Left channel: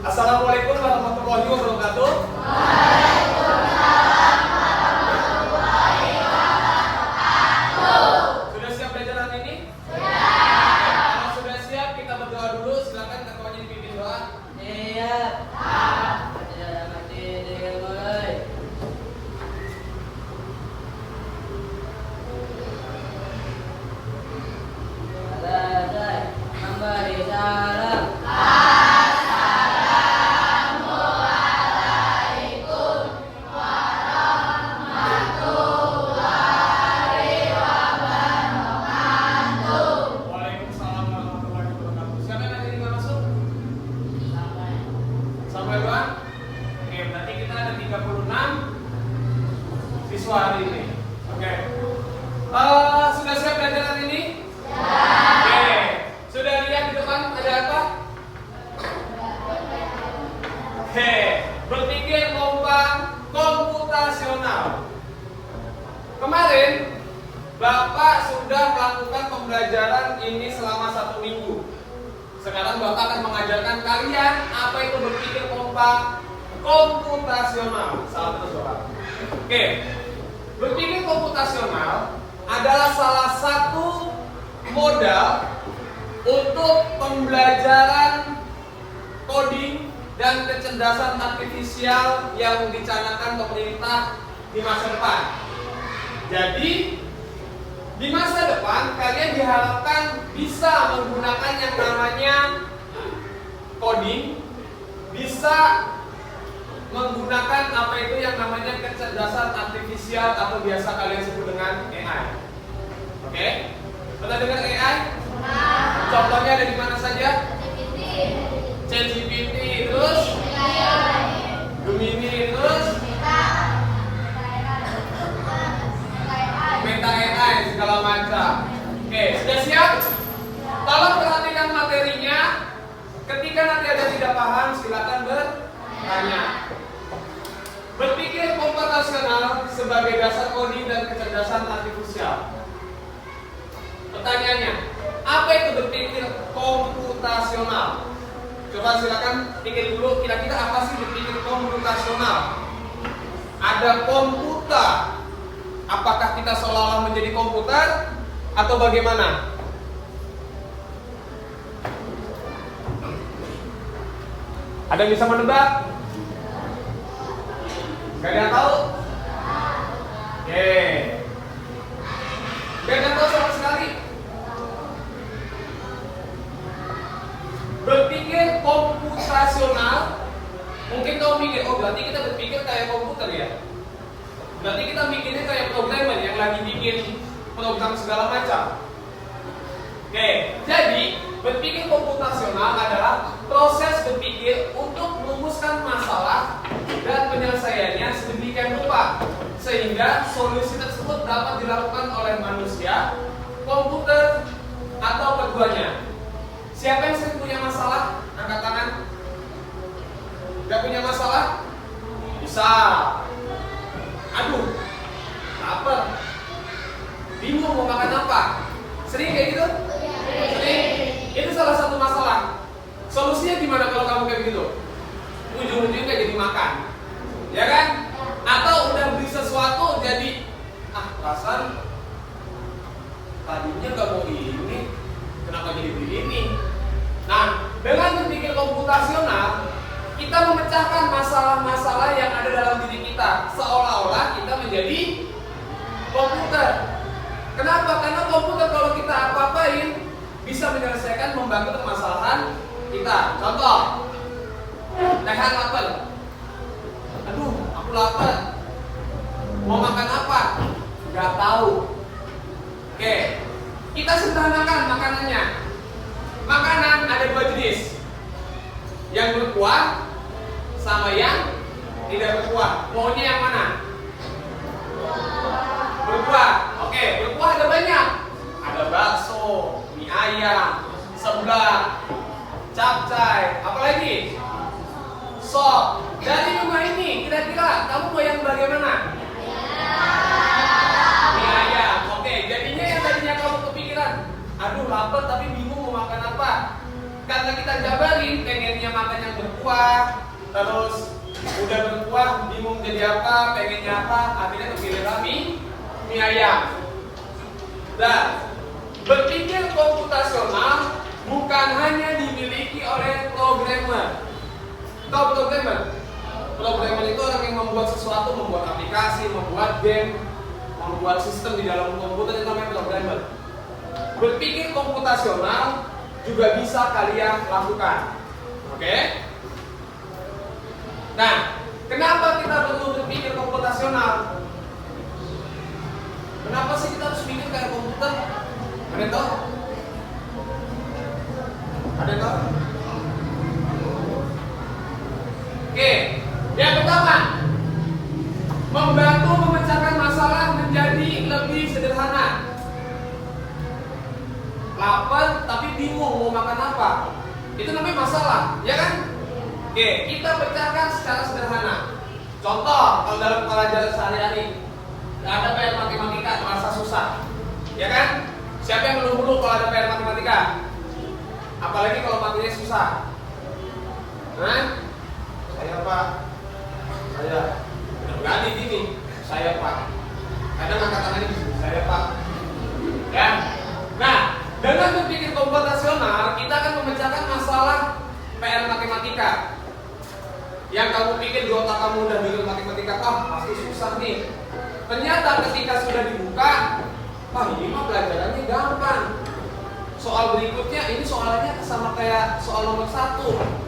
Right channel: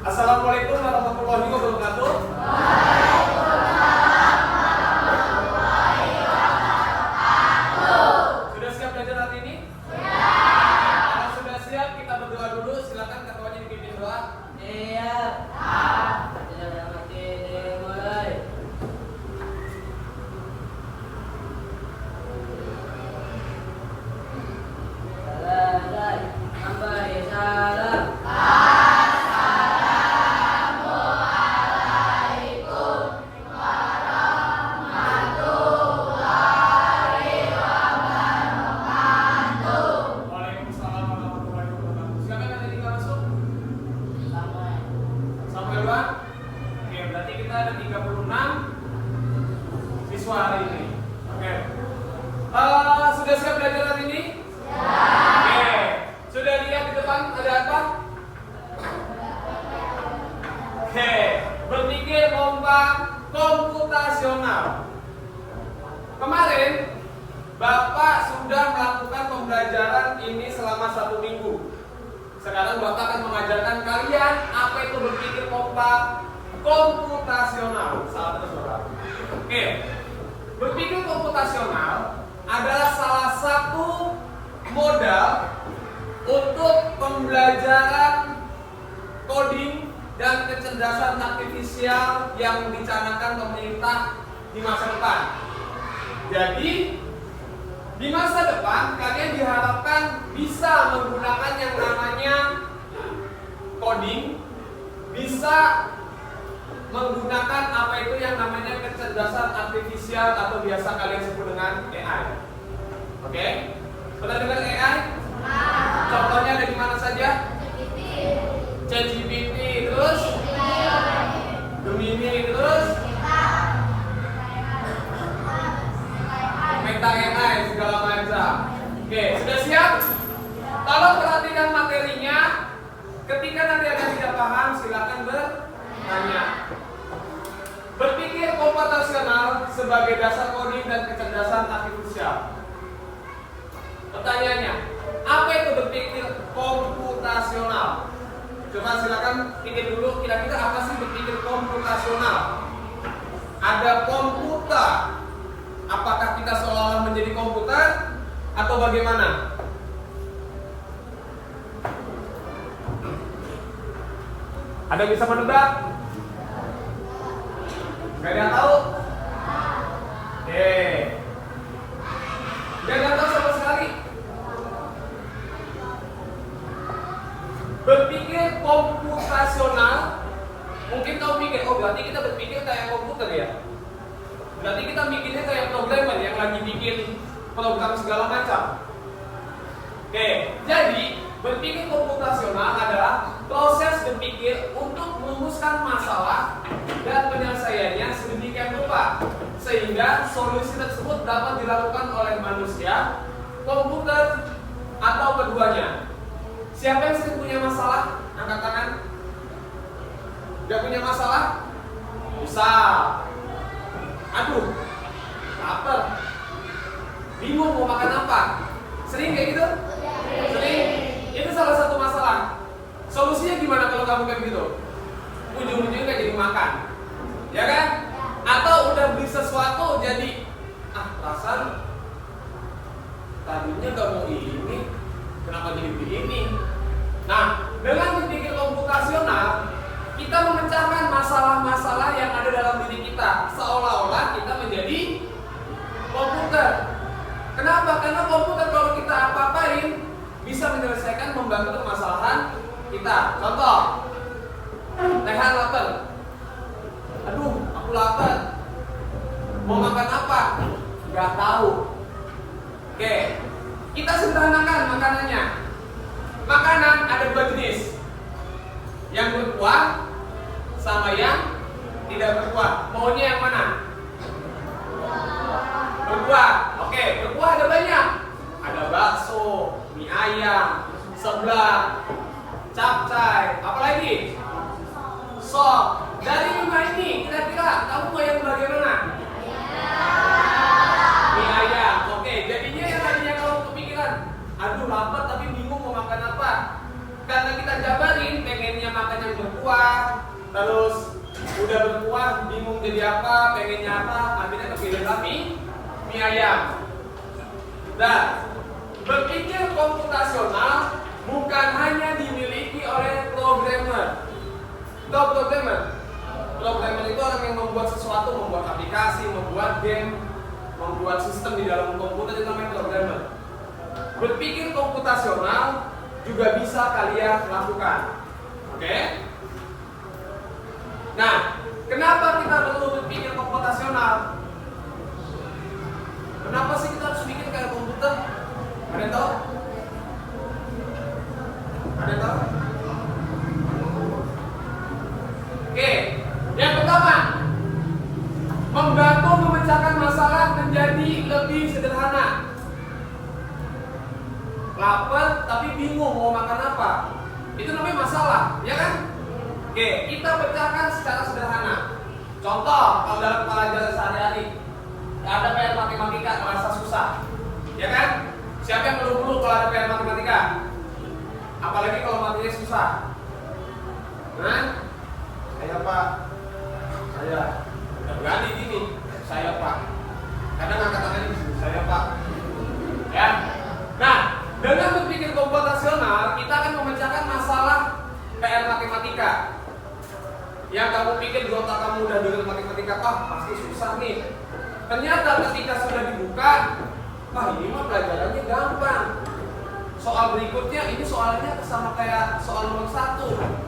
Assalamualaikum warahmatullahi wabarakatuh. Sudah siap belajar hari ini? Kalau sudah siap, kita berdoa dulu. Silakan ketuanya dipimpin doa. Iya. Tidak mati dengan mulai. Selesai. Memberi salam. Waalaikumsalam warahmatullahi wabarakatuh. Siapa yang nanti kita masuk? Samuel Bang? Oke, berarti kita ada 36 siswa hari ini. Oke. Sudah siap belajar hari ini? Oke. Sudah lihat di depan ada apa? Oke. Berpikir lomba komputasional. Kemarin Bapak sudah melakukan pembelajaran ini selama 1 minggu. Sekarang Bapak akan mengajarkan kalian apa itu berpikir lomba komputasional. Salam bersorak. Oke. Berpikir komputasional adalah salah satu modal untuk pembelajaran coding dan kecerdasan artifisial yang dicanangkan pemerintah di masa depan. Jadi di masa depan kalian diharapkan bisa menggunakan yang namanya coding, bisa menggunakan apa itu yang namanya kecerdasan artifisial atau biasa kalian sebut dengan AI. Oke? Pernah dengar AI? Contohnya ada di mana saja? ChatGPT, terus Gemini, terus Meta AI, segala macam. Oke, sudah siap? Tolong perhatikan materinya. Ketika nanti ada tidak paham, silakan bertanya. Berpikir komputasional sebagai dasar coding dan kecerdasan artifisial. Pertanyaannya, apa itu berpikir komputasional? Coba silakan pikir dulu, kira-kira apa sih berpikir komputasional? Ada komputer. Apakah kita seolah-olah menjadi komputer atau bagaimana? Ada yang bisa menebak? Gak ada yang tahu? Oke. Gak ada yang tahu sama sekali. Berpikir komputasional, mungkin kamu mikir, oh berarti kita berpikir kayak komputer ya? Berarti kita mikirnya kayak programmer yang lagi bikin program segala macam. Oke, jadi berpikir komputasional adalah proses berpikir untuk merumuskan masalah dan penyelesaiannya sedemikian rupa sehingga solusi tersebut dapat dilakukan oleh manusia, komputer, atau keduanya. Siapa yang sering punya masalah? Angkat tangan. Gak punya masalah? Bisa. Aduh, lapar, bingung mau makan apa. Sering kayak gitu? Sering. Itu salah satu masalah. Solusinya gimana kalau kamu kayak begitu? Ujung-ujungnya nggak jadi makan, ya kan? Atau udah beli sesuatu jadi perasaan tadinya nggak mau ini, kenapa jadi beli ini? Nah, dengan berpikir komputasional, kita memecahkan masalah-masalah yang ada dalam diri kita seolah-olah kita menjadi komputer. Kenapa? Karena komputer kalau kita apa-apain bisa menyelesaikan membantu permasalahan kita. Contoh, Rehan lapar. Aduh, aku lapar. Mau makan apa? Gak tahu. Oke, kita sederhanakan makanannya. Makanan ada 2 jenis, yang berkuah sama yang tidak berkuah. Maunya yang mana? Berkuah. Oke, berkuah ada banyak. Ada bakso, mie ayam, seblak, capcay, apalagi? Sop. Dari rumah ini, kira-kira kamu mau yang bagaimana? Mie ayam. Oke, jadinya yang tadinya kamu kepikiran, aduh lapar tapi bingung mau makan apa. Karena kita jabarin pengennya makan yang berkuah berkuah, terus udah berkuah bingung jadi apa, pengennya apa, akhirnya kepilih mie ayam. Dan berpikir komputasional bukan hanya dimiliki oleh programmer. Tahu programmer? Programmer itu orang yang membuat sesuatu, membuat aplikasi, membuat game, membuat sistem di dalam komputer, itu namanya programmer. Berpikir komputasional juga bisa kalian lakukan. Oke? Nah, kenapa kita perlu berpikir komputasional? Kenapa sih kita harus pikir kayak komputer? Ada yang tahu? Ada yang tahu? Oke, yang pertama, membantu memecahkan masalah menjadi lebih sederhana. Lapar tapi bingung mau makan apa, itu namanya masalah, ya kan? Oke, kita pecahkan secara sederhana. Contoh, kalau dalam pelajaran sehari-hari nggak ada PR matematika, terasa susah, ya kan? Siapa yang menunggu kalau ada PR matematika? Apalagi kalau materinya susah. Nah, saya Pak, saya ganti gini, saya Pak. Kadang angkat tangannya di sini, saya Pak. Ya, nah dengan berpikir komputasional kita akan memecahkan masalah PR matematika. Yang kamu pikir di otak kamu udah belajar matematika, pasti susah nih. Ternyata ketika sudah dibuka, ini mah pelajarannya gampang. Soal berikutnya ini soalnya sama kayak soal nomor 1.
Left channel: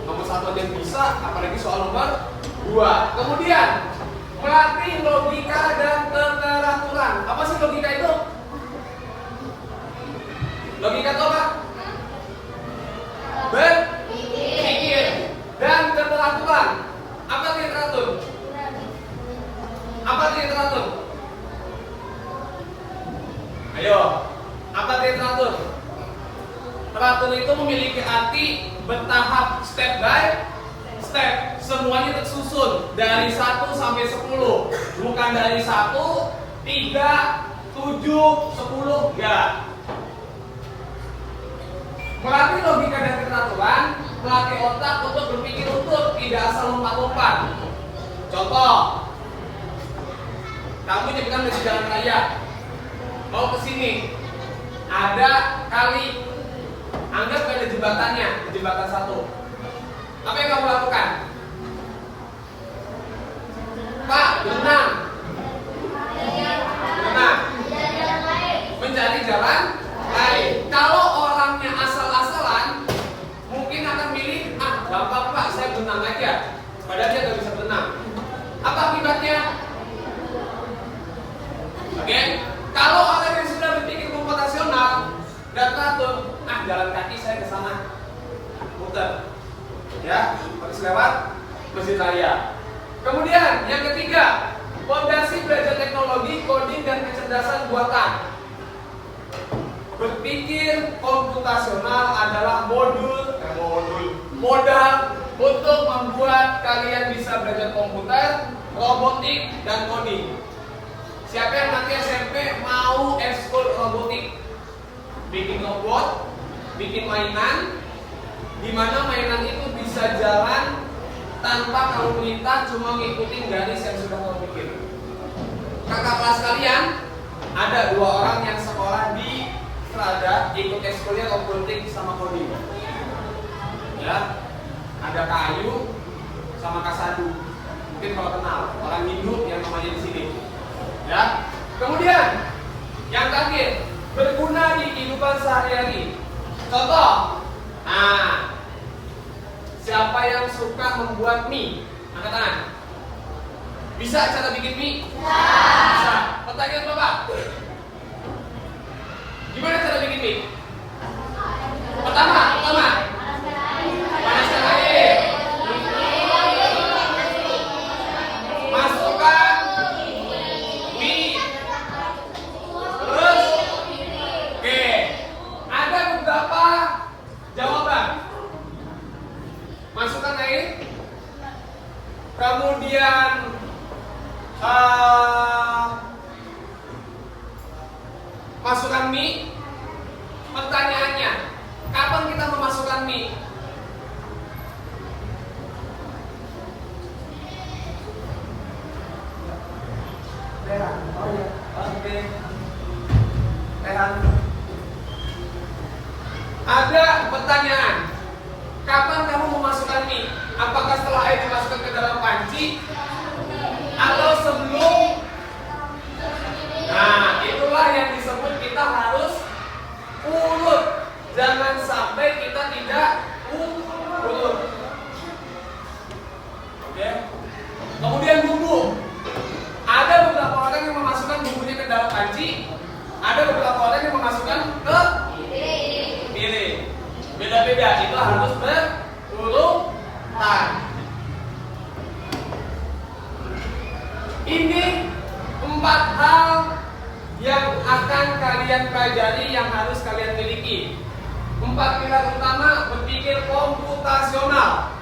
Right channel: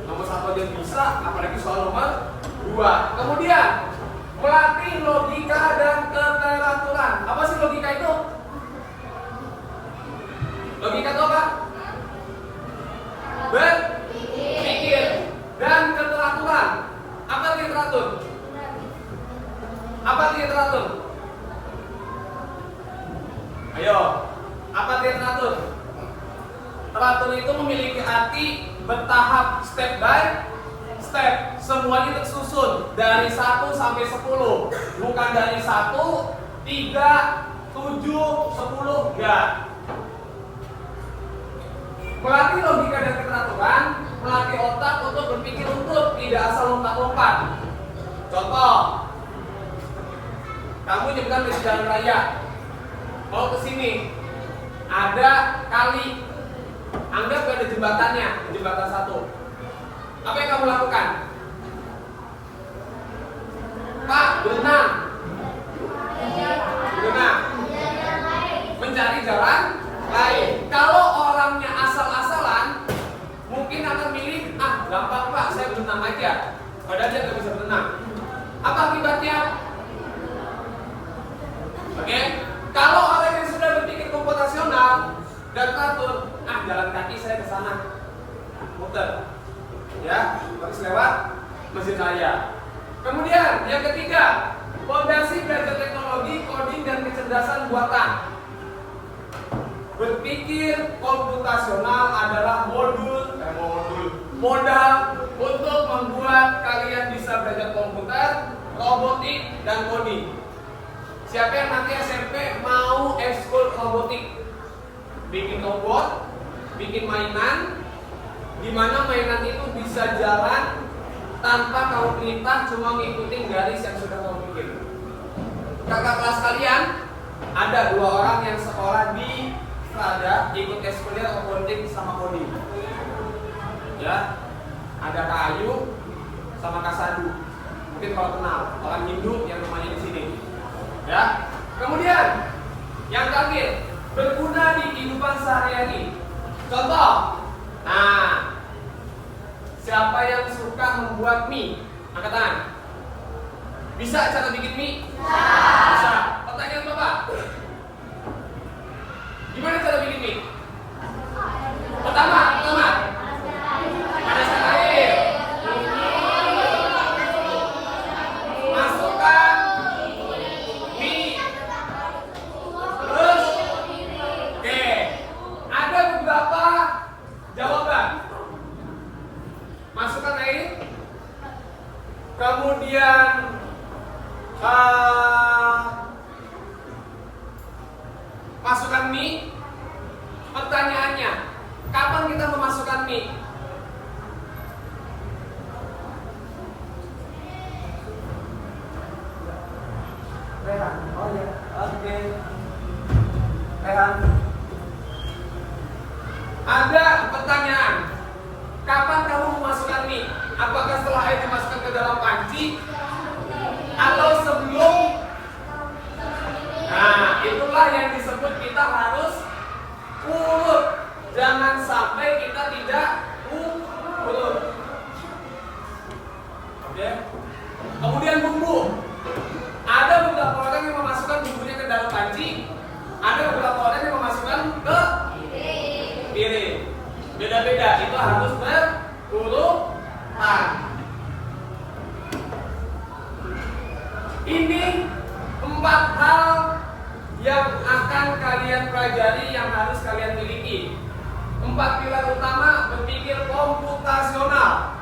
Nomor 1 aja bisa, apalagi soal nomor 2. Kemudian melatih logika dan keteraturan. Apa sih logika itu? Logika itu apa? Berpikir. Dan keteraturan. Apa artinya teratur? Apa artinya teratur? Ayo, apa artinya teratur? Teratur itu memiliki arti bertahap, step by step. Semuanya tersusun dari 1 sampai 10. Bukan dari 1, 3, 7, 10, enggak. Melatih logika dan keteraturan, melatih otak untuk berpikir utuh, tidak asal lompat-lompat. Contoh, kamu nyebrang di jalan raya, mau ke sini, ada kali, anggap ada jembatannya, jembatan 1. Apa yang kamu lakukan? Pak, berenang. Berenang. Mencari jalan lain. Kalau orangnya asal-asalan, mungkin akan milih, gampang Pak, saya berenang aja. Padahal dia nggak bisa berenang. Apa akibatnya? Oke, kalau orang yang sudah berpikir komputasional dan teratur, jalan kaki saya ke sana, muter, ya, harus lewat Masjid Raya. Kemudian yang ketiga, fondasi belajar teknologi, coding dan kecerdasan buatan. Berpikir komputasional adalah modal untuk membuat kalian bisa belajar komputer, robotik, dan coding. Siapa yang nanti SMP mau ekskul robotik? Bikin robot, bikin mainan, di mana mainan itu bisa jalan tanpa kamu perintah, cuma ngikutin garis yang sudah kamu bikin. Kakak kelas kalian ada 2 orang yang sekolah di Strada, ikut ekskulnya robotik sama coding. Ya, ada Kak Ayu sama Kak Sadu. Mungkin kalau kenal orang Hindu yang namanya di sini. Ya. Kemudian yang terakhir, berguna di kehidupan sehari-hari. Contoh, siapa yang suka membuat mie? Angkat tangan. Bisa cara bikin mie? Bisa. Pertanyaan Bapak, gimana cara bikin mie? Pertama, panaskan air. Masukkan mie. Terus, oke, ada beberapa jawaban. Masukkan air, kemudian masukkan mie. Pertanyaannya, kapan kita memasukkan mie? latihan. Ada pertanyaan, kapan kamu memasukkan mie? Apakah setelah air dimasukkan ke dalam panci atau sebelum? Nah, itulah yang disebut kita harus urut. Jangan sampai kita tidak urut. Oke. Kemudian bumbu. Ada beberapa orang yang memasukkan bumbunya ke dalam panci, ada beberapa orang yang memasukkan ke piring. Beda-beda, itu harus berurutan. Ini 4 hal yang akan kalian pelajari, yang harus kalian miliki. 4 pilar utama berpikir komputasional.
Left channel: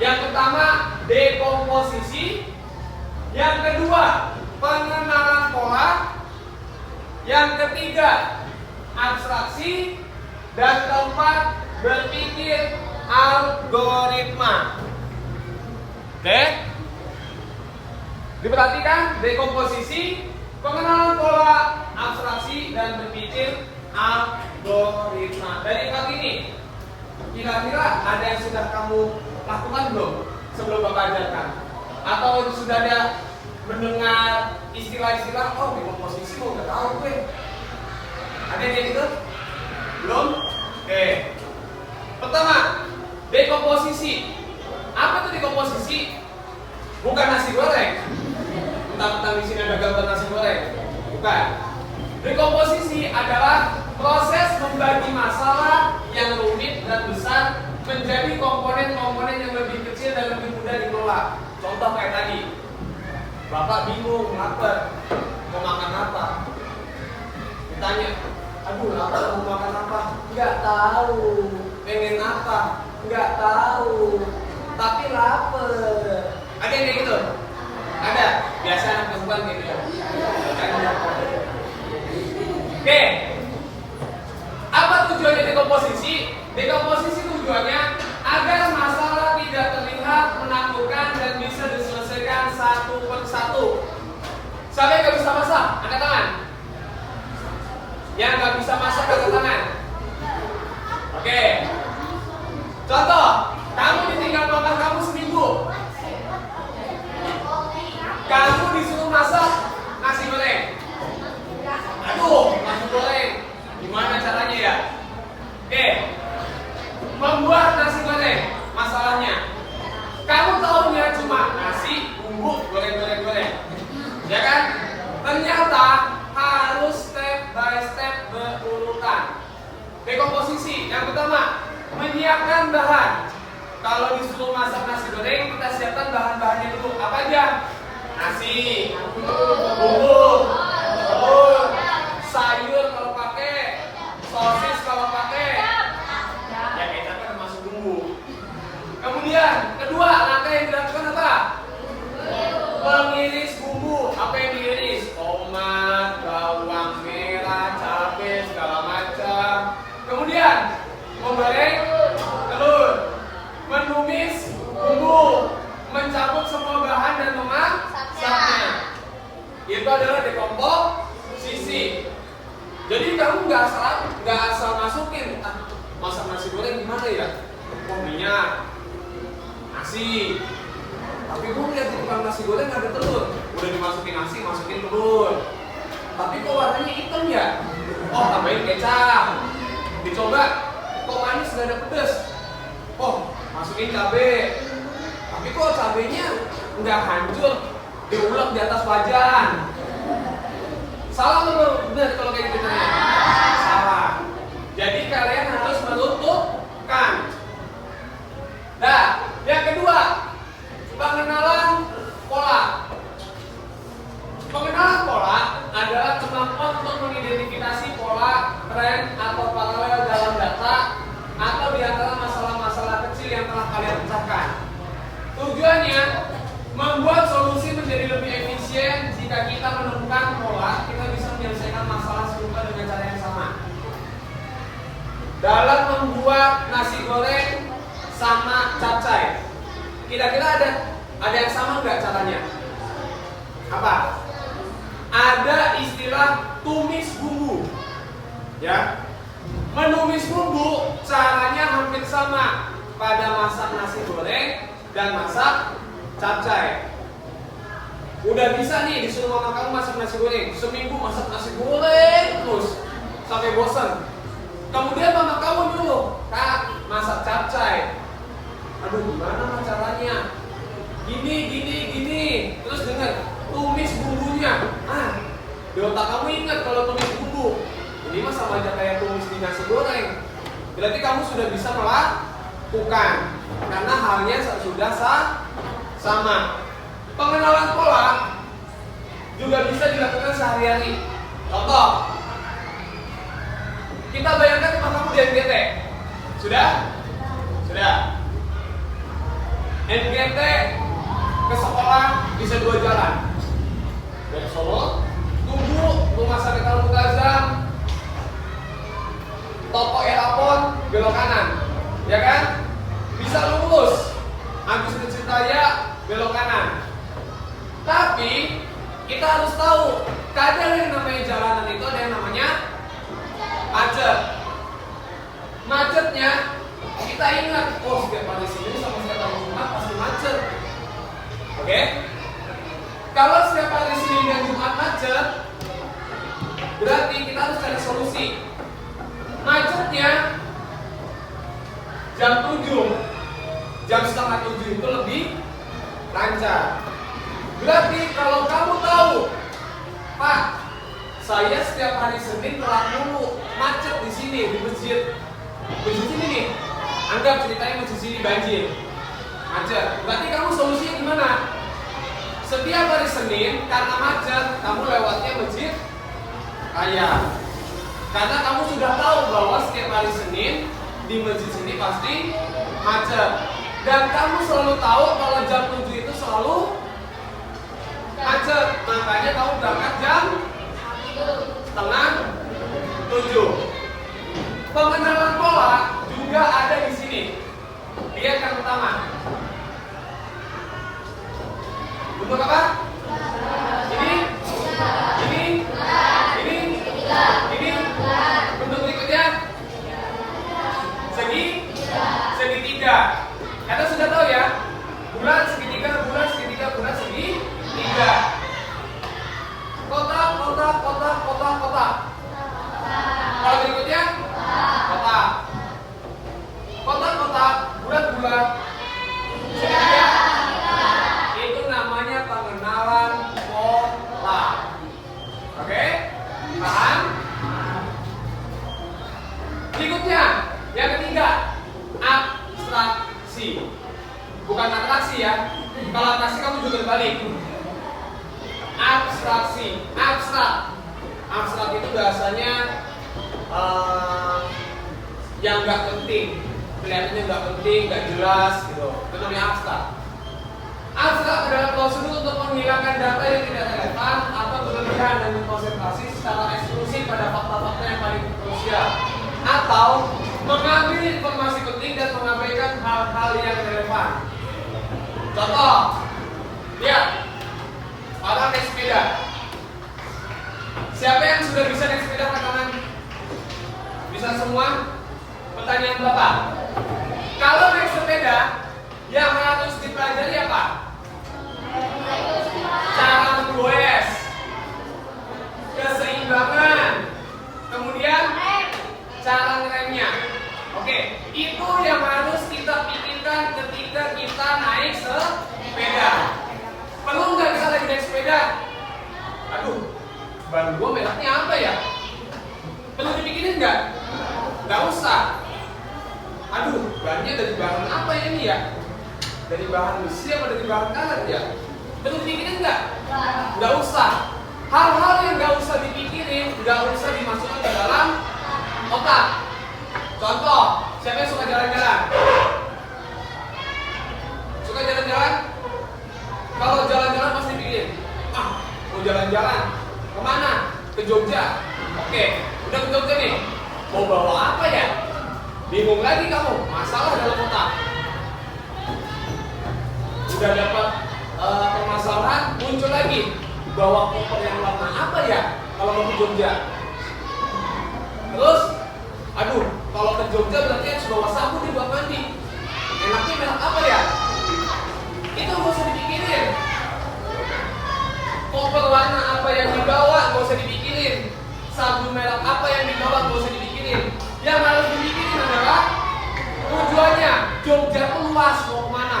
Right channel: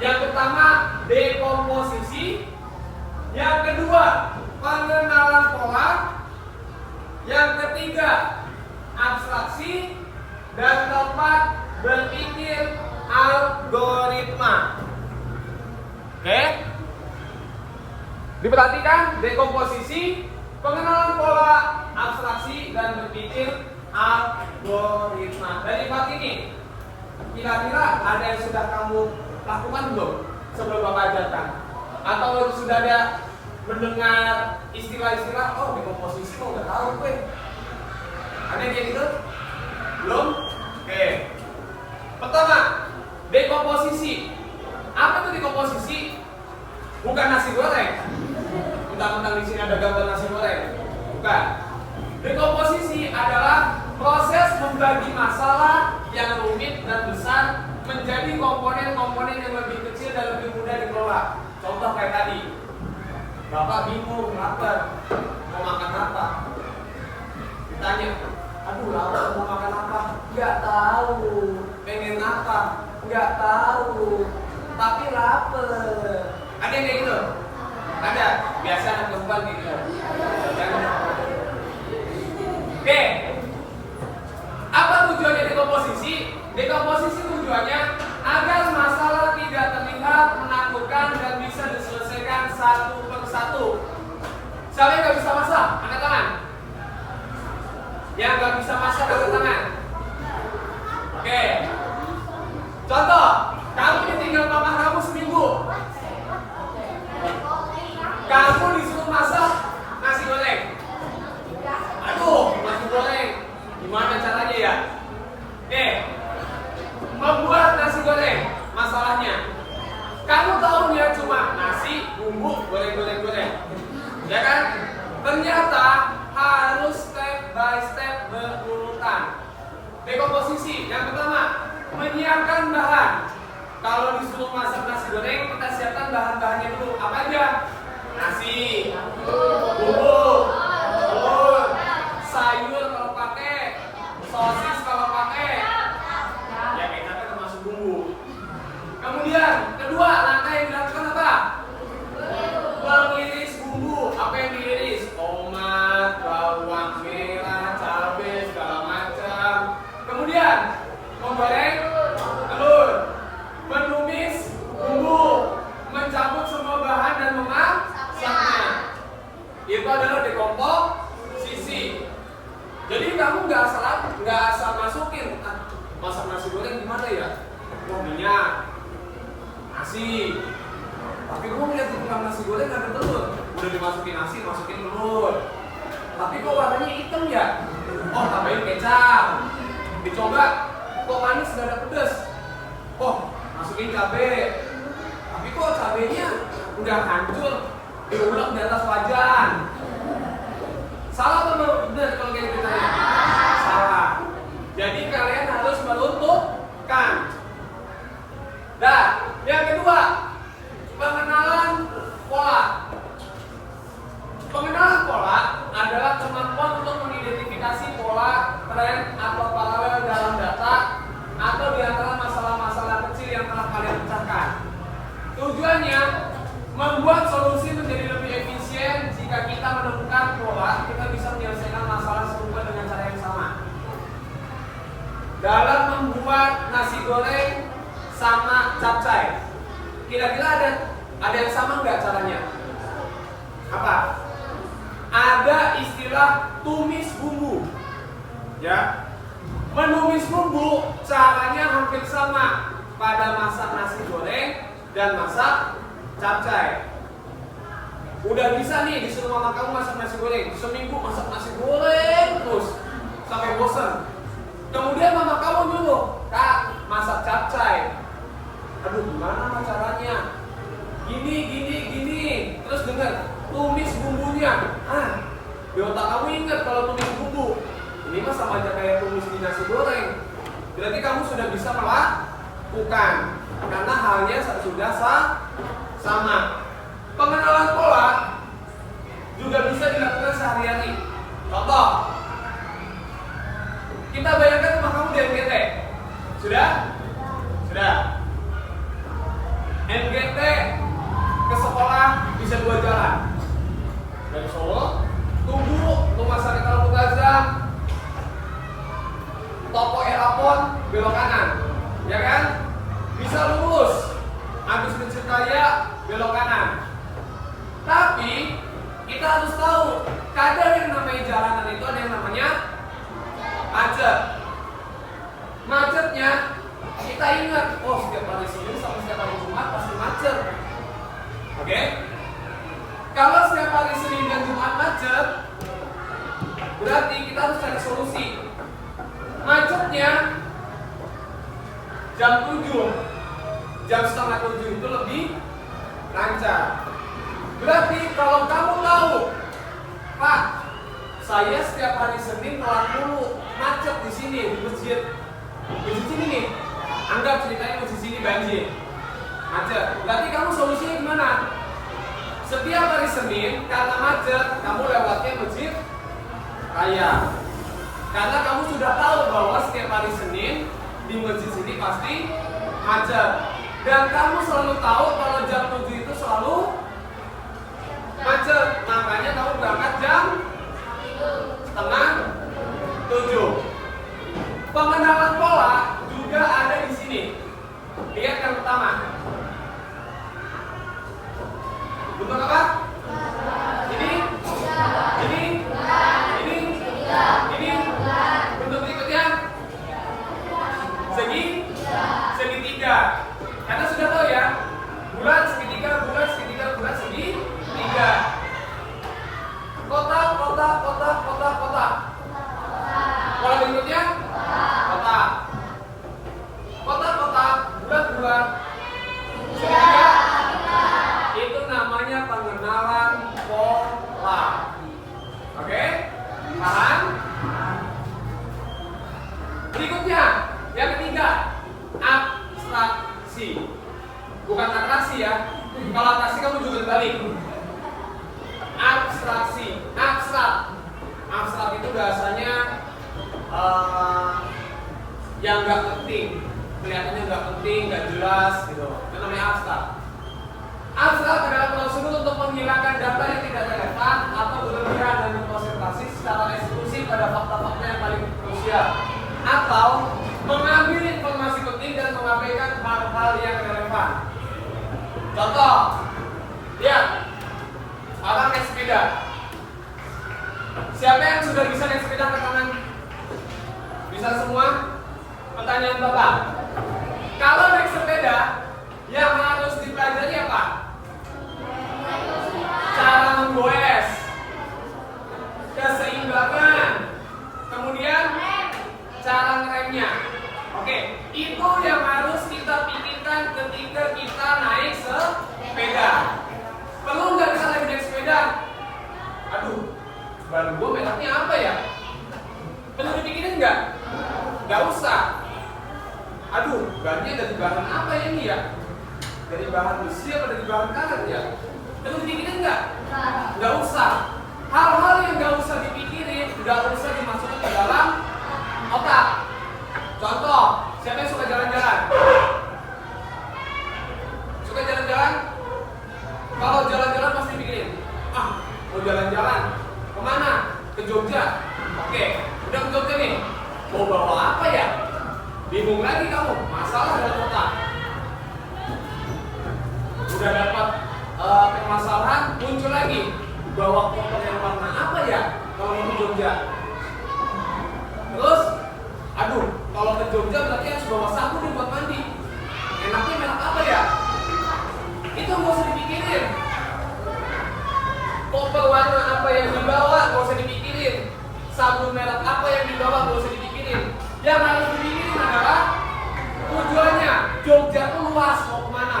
Yang pertama, dekomposisi. Yang kedua, pengenalan pola. Yang ketiga, abstraksi. Dan keempat, berpikir algoritma. Oke? Diperhatikan, dekomposisi, pengenalan pola, abstraksi, dan berpikir algoritma. Dari 4 ini, kira-kira ada yang sudah kamu lakukan belum sebelum Bapak ajarkan? Atau sudah ada mendengar istilah-istilah, oh dekomposisi mau udah tahu gue. Ada yang gitu? Belum? Oke. Pertama, dekomposisi. Apa itu dekomposisi? Bukan nasi goreng. Mentang-mentang di sini ada gambar nasi goreng. Bukan. Dekomposisi adalah proses membagi masalah yang rumit dan besar menjadi komponen-komponen yang lebih kecil dan lebih mudah dikelola. Contoh kayak tadi, Bapak bingung, lapar, mau makan apa? Ditanya, aduh lapar, mau makan apa? Nggak tahu. Pengen apa? Nggak tahu. Tapi lapar. Ada yang kayak gitu? Ada. Biasa anak perempuan kayak gitu. Oke. Apa tujuannya dekomposisi? Dekomposisi tujuannya agar masalah tidak terlihat menakutkan dan bisa diselesaikan satu persatu. Siapa yang nggak bisa masak? Angkat tangan. Yang nggak bisa masak, angkat tangan. Oke. Contoh, kamu ditinggal mama kamu seminggu. Kamu disuruh masak nasi goreng. Aduh, nasi goreng. Gimana caranya ya? Oke. Membuat nasi goreng, masalahnya kamu tahunya cuma nasi, bumbu, goreng. Ya kan? Ternyata harus step by step berurutan. Dekomposisi, yang pertama, menyiapkan bahan. Kalau disuruh masak nasi goreng, kita siapkan bahan-bahannya dulu. Apa aja? Nasi, bumbu, telur, sayur kalau pakai, sosis kalau pakai. Ya kita kan termasuk bumbu. Kemudian kedua, langkah yang dilakukan apa? Mengiris bumbu. Apa yang diiris? Tomat, bawang merah, cabai, segala macam. Kemudian menggoreng telur, menumis bumbu, mencampur semua bahan dan memasaknya. Itu adalah dekomposisi. Jadi kamu nggak asal masukin. Masak nasi goreng gimana ya? Oh minyak, nasi. Tapi gue ngeliat di tukang nasi goreng ada telur. Udah dimasukin nasi, masukin telur. Tapi kok warnanya hitam ya? Oh tambahin kecap. Dicoba, kok manis gak ada pedes. Oh masukin cabai. Tapi kok cabainya udah hancur, diulek di atas wajan. Salah atau benar kalau kayak gitu? Salah. Jadi kalian harus meruntuhkan. Nah, yang kedua, pengenalan pola. Pengenalan pola adalah kemampuan untuk mengidentifikasi pola, tren, atau paralel dalam data atau di antara masalah-masalah kecil yang telah kalian pecahkan. Tujuannya membuat solusi menjadi lebih efisien. Jika kita menemukan pola, kita bisa menyelesaikan masalah serupa dengan cara yang sama. Dalam membuat nasi goreng sama capcay, kira-kira ada yang sama nggak caranya? Apa? Ada istilah tumis bumbu. Ya. Menumis bumbu caranya hampir sama pada masak nasi goreng dan masak capcay. Udah bisa nih disuruh mama kamu masak nasi goreng, seminggu masak nasi goreng terus sampai bosan. Kemudian mama kamu dulu, Kak, masak capcay. Aduh, gimana caranya? Gini. Terus dengar, tumis bumbunya. Di otak kamu ingat kalau tumis bumbu. Ini mah sama aja kayak tumis di nasi goreng. Berarti kamu sudah bisa melakukan karena halnya sudah sama. Pengenalan pola juga bisa dilakukan sehari-hari. Contoh, kita bayangkan rumah kamu di NGT. Sudah? NGT ke sekolah bisa 2 jalan. Dari Solo, Tugu, Rumah Sakit Al-Mu'tazzam, Toko Erapon, belok kanan. Ya kan? Bisa lurus. Agus Mencitaya, belok kanan. Tapi kita harus tahu, kadang yang namanya jalanan itu ada yang namanya macet. Macetnya kita ingat, setiap hari Senin sama setiap hari Jumat pasti macet. Oke? Kalau setiap hari Senin dan Jumat macet, berarti kita harus cari solusi. Macetnya jam 7, jam setengah 7 itu lebih lancar. Berarti kalau kamu tahu, Pak, saya setiap hari Senin telat mulu, macet di sini di masjid. Masjid ini nih, anggap ceritanya masjid sini banjir, macet. Berarti kamu solusinya gimana? Setiap hari Senin karena macet, kamu lewatnya masjid raya. Karena kamu sudah tahu bahwa setiap hari Senin di masjid sini pasti macet. Dan kamu selalu tahu kalau jam 7 itu selalu macet. Makanya kamu berangkat jam setengah 7. Pengenalan pola juga ada di sini. Lihat yang pertama. Bentuk apa? Ini. Bentuk berikutnya. Segitiga. Karena sudah tahu ya, bulat segitiga, segitiga. Kotak. Pola berikutnya, kotak. Bulat. Segitiga. Itu namanya pengenalan pola. Oke? Paham? Berikutnya, yang ketiga, abstraksi. Bukan atraksi ya. Kalau atraksi kamu juga balik. Abstraksi, abstrak itu bahasanya yang nggak penting, kelihatannya nggak penting, nggak jelas gitu. Itu namanya abstrak. Abstrak adalah prosedur untuk menghilangkan data yang tidak relevan atau berlebihan dan konsentrasi secara eksklusif pada fakta-fakta yang paling krusial, atau mengambil informasi penting dan mengabaikan hal-hal yang relevan. Contoh, lihat, orang naik sepeda. Siapa yang sudah bisa naik sepeda ke tangan? Bisa semua? Pertanyaan Bapak. Kalau naik sepeda, yang harus dipelajari apa? Cara menggoes, keseimbangan, kemudian cara ngeremnya. Oke, itu yang harus kita pikirkan ketika kita naik sepeda. Perlu nggak kita lagi naik sepeda? Aduh, ban gua mereknya apa ya? Perlu dipikirin nggak? Nggak usah. Aduh, bannya dari bahan apa ya ini ya? Dari bahan besi atau dari bahan karet ya? Perlu dipikirin nggak? Nggak usah. Hal-hal yang nggak usah dipikirin, nggak usah dimasukkan ke dalam otak. Contoh, siapa yang suka jalan-jalan? Suka jalan-jalan? Kalau jalan-jalan pasti pikirin, mau jalan-jalan kemana? Ke Jogja. Oke, udah ke Jogja nih. Mau bawa apa ya? Bingung lagi kamu, masalah dalam otak. Udah dapat permasalahan, muncul lagi. Bawa koper yang warna apa ya kalau mau ke Jogja? Terus, aduh, kalau ke Jogja berarti harus bawa sabun nih buat mandi. Enaknya merek apa ya? Itu nggak usah dipikirin. Koper warna apa yang dibawa nggak usah dipikirin. Sabun merek apa yang dibawa nggak usah dipikirin. Yang harus dipikirin adalah tujuannya. Jogja itu luas, mau kemana?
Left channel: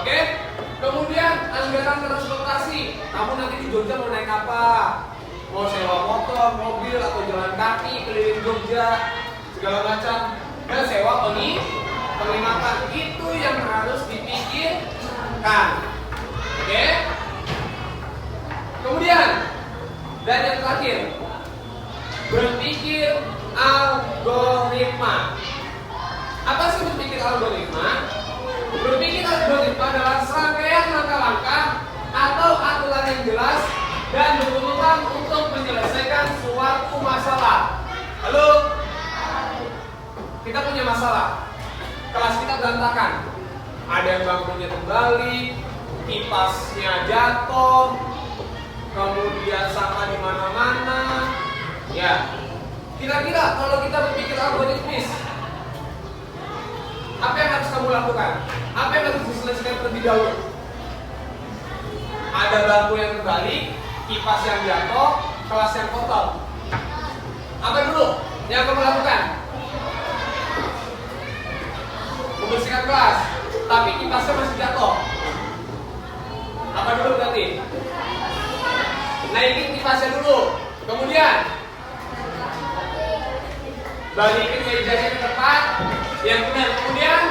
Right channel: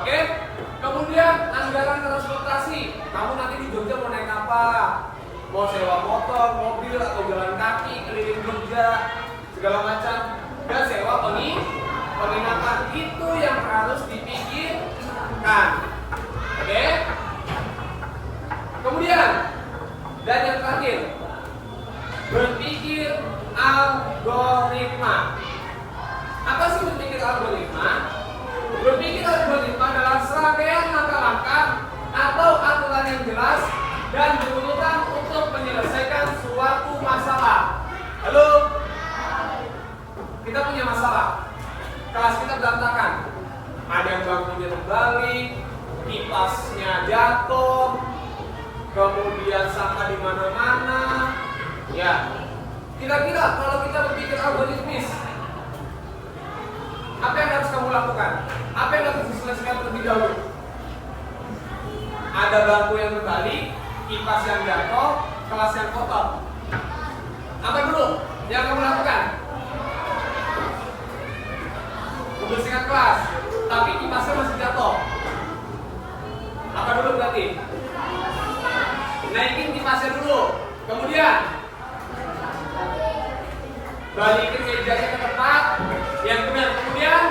Oke? Kemudian anggaran transportasi. Kamu nanti di Jogja mau naik apa? Mau sewa motor, mobil, atau jalan kaki keliling Jogja, segala macam. Dan sewa penginapan. Itu yang harus dipikirkan. Oke? Kemudian, dan yang terakhir, berpikir algoritma. Apa sih berpikir algoritma? Berpikir algoritma adalah serangkaian langkah-langkah atau aturan yang jelas dan berurutan untuk menyelesaikan suatu masalah. Halo? Kita punya masalah. Kelas kita berantakan. Ada yang bangunnya terbalik, kipasnya jatuh, kemudian sampah di mana-mana. Ya. Kira-kira kalau kita berpikir algoritmis, apa yang harus kamu lakukan? Apa yang harus diselesaikan terlebih dahulu? Ada bangku yang terbalik, kipas yang jatuh, kelas yang kotor. Apa dulu yang kamu lakukan? Membersihkan kelas, tapi kipasnya masih jatuh. Apa dulu berarti? Naikin kipasnya dulu. Kemudian balikin mejanya ke tempat yang benar. Kemudian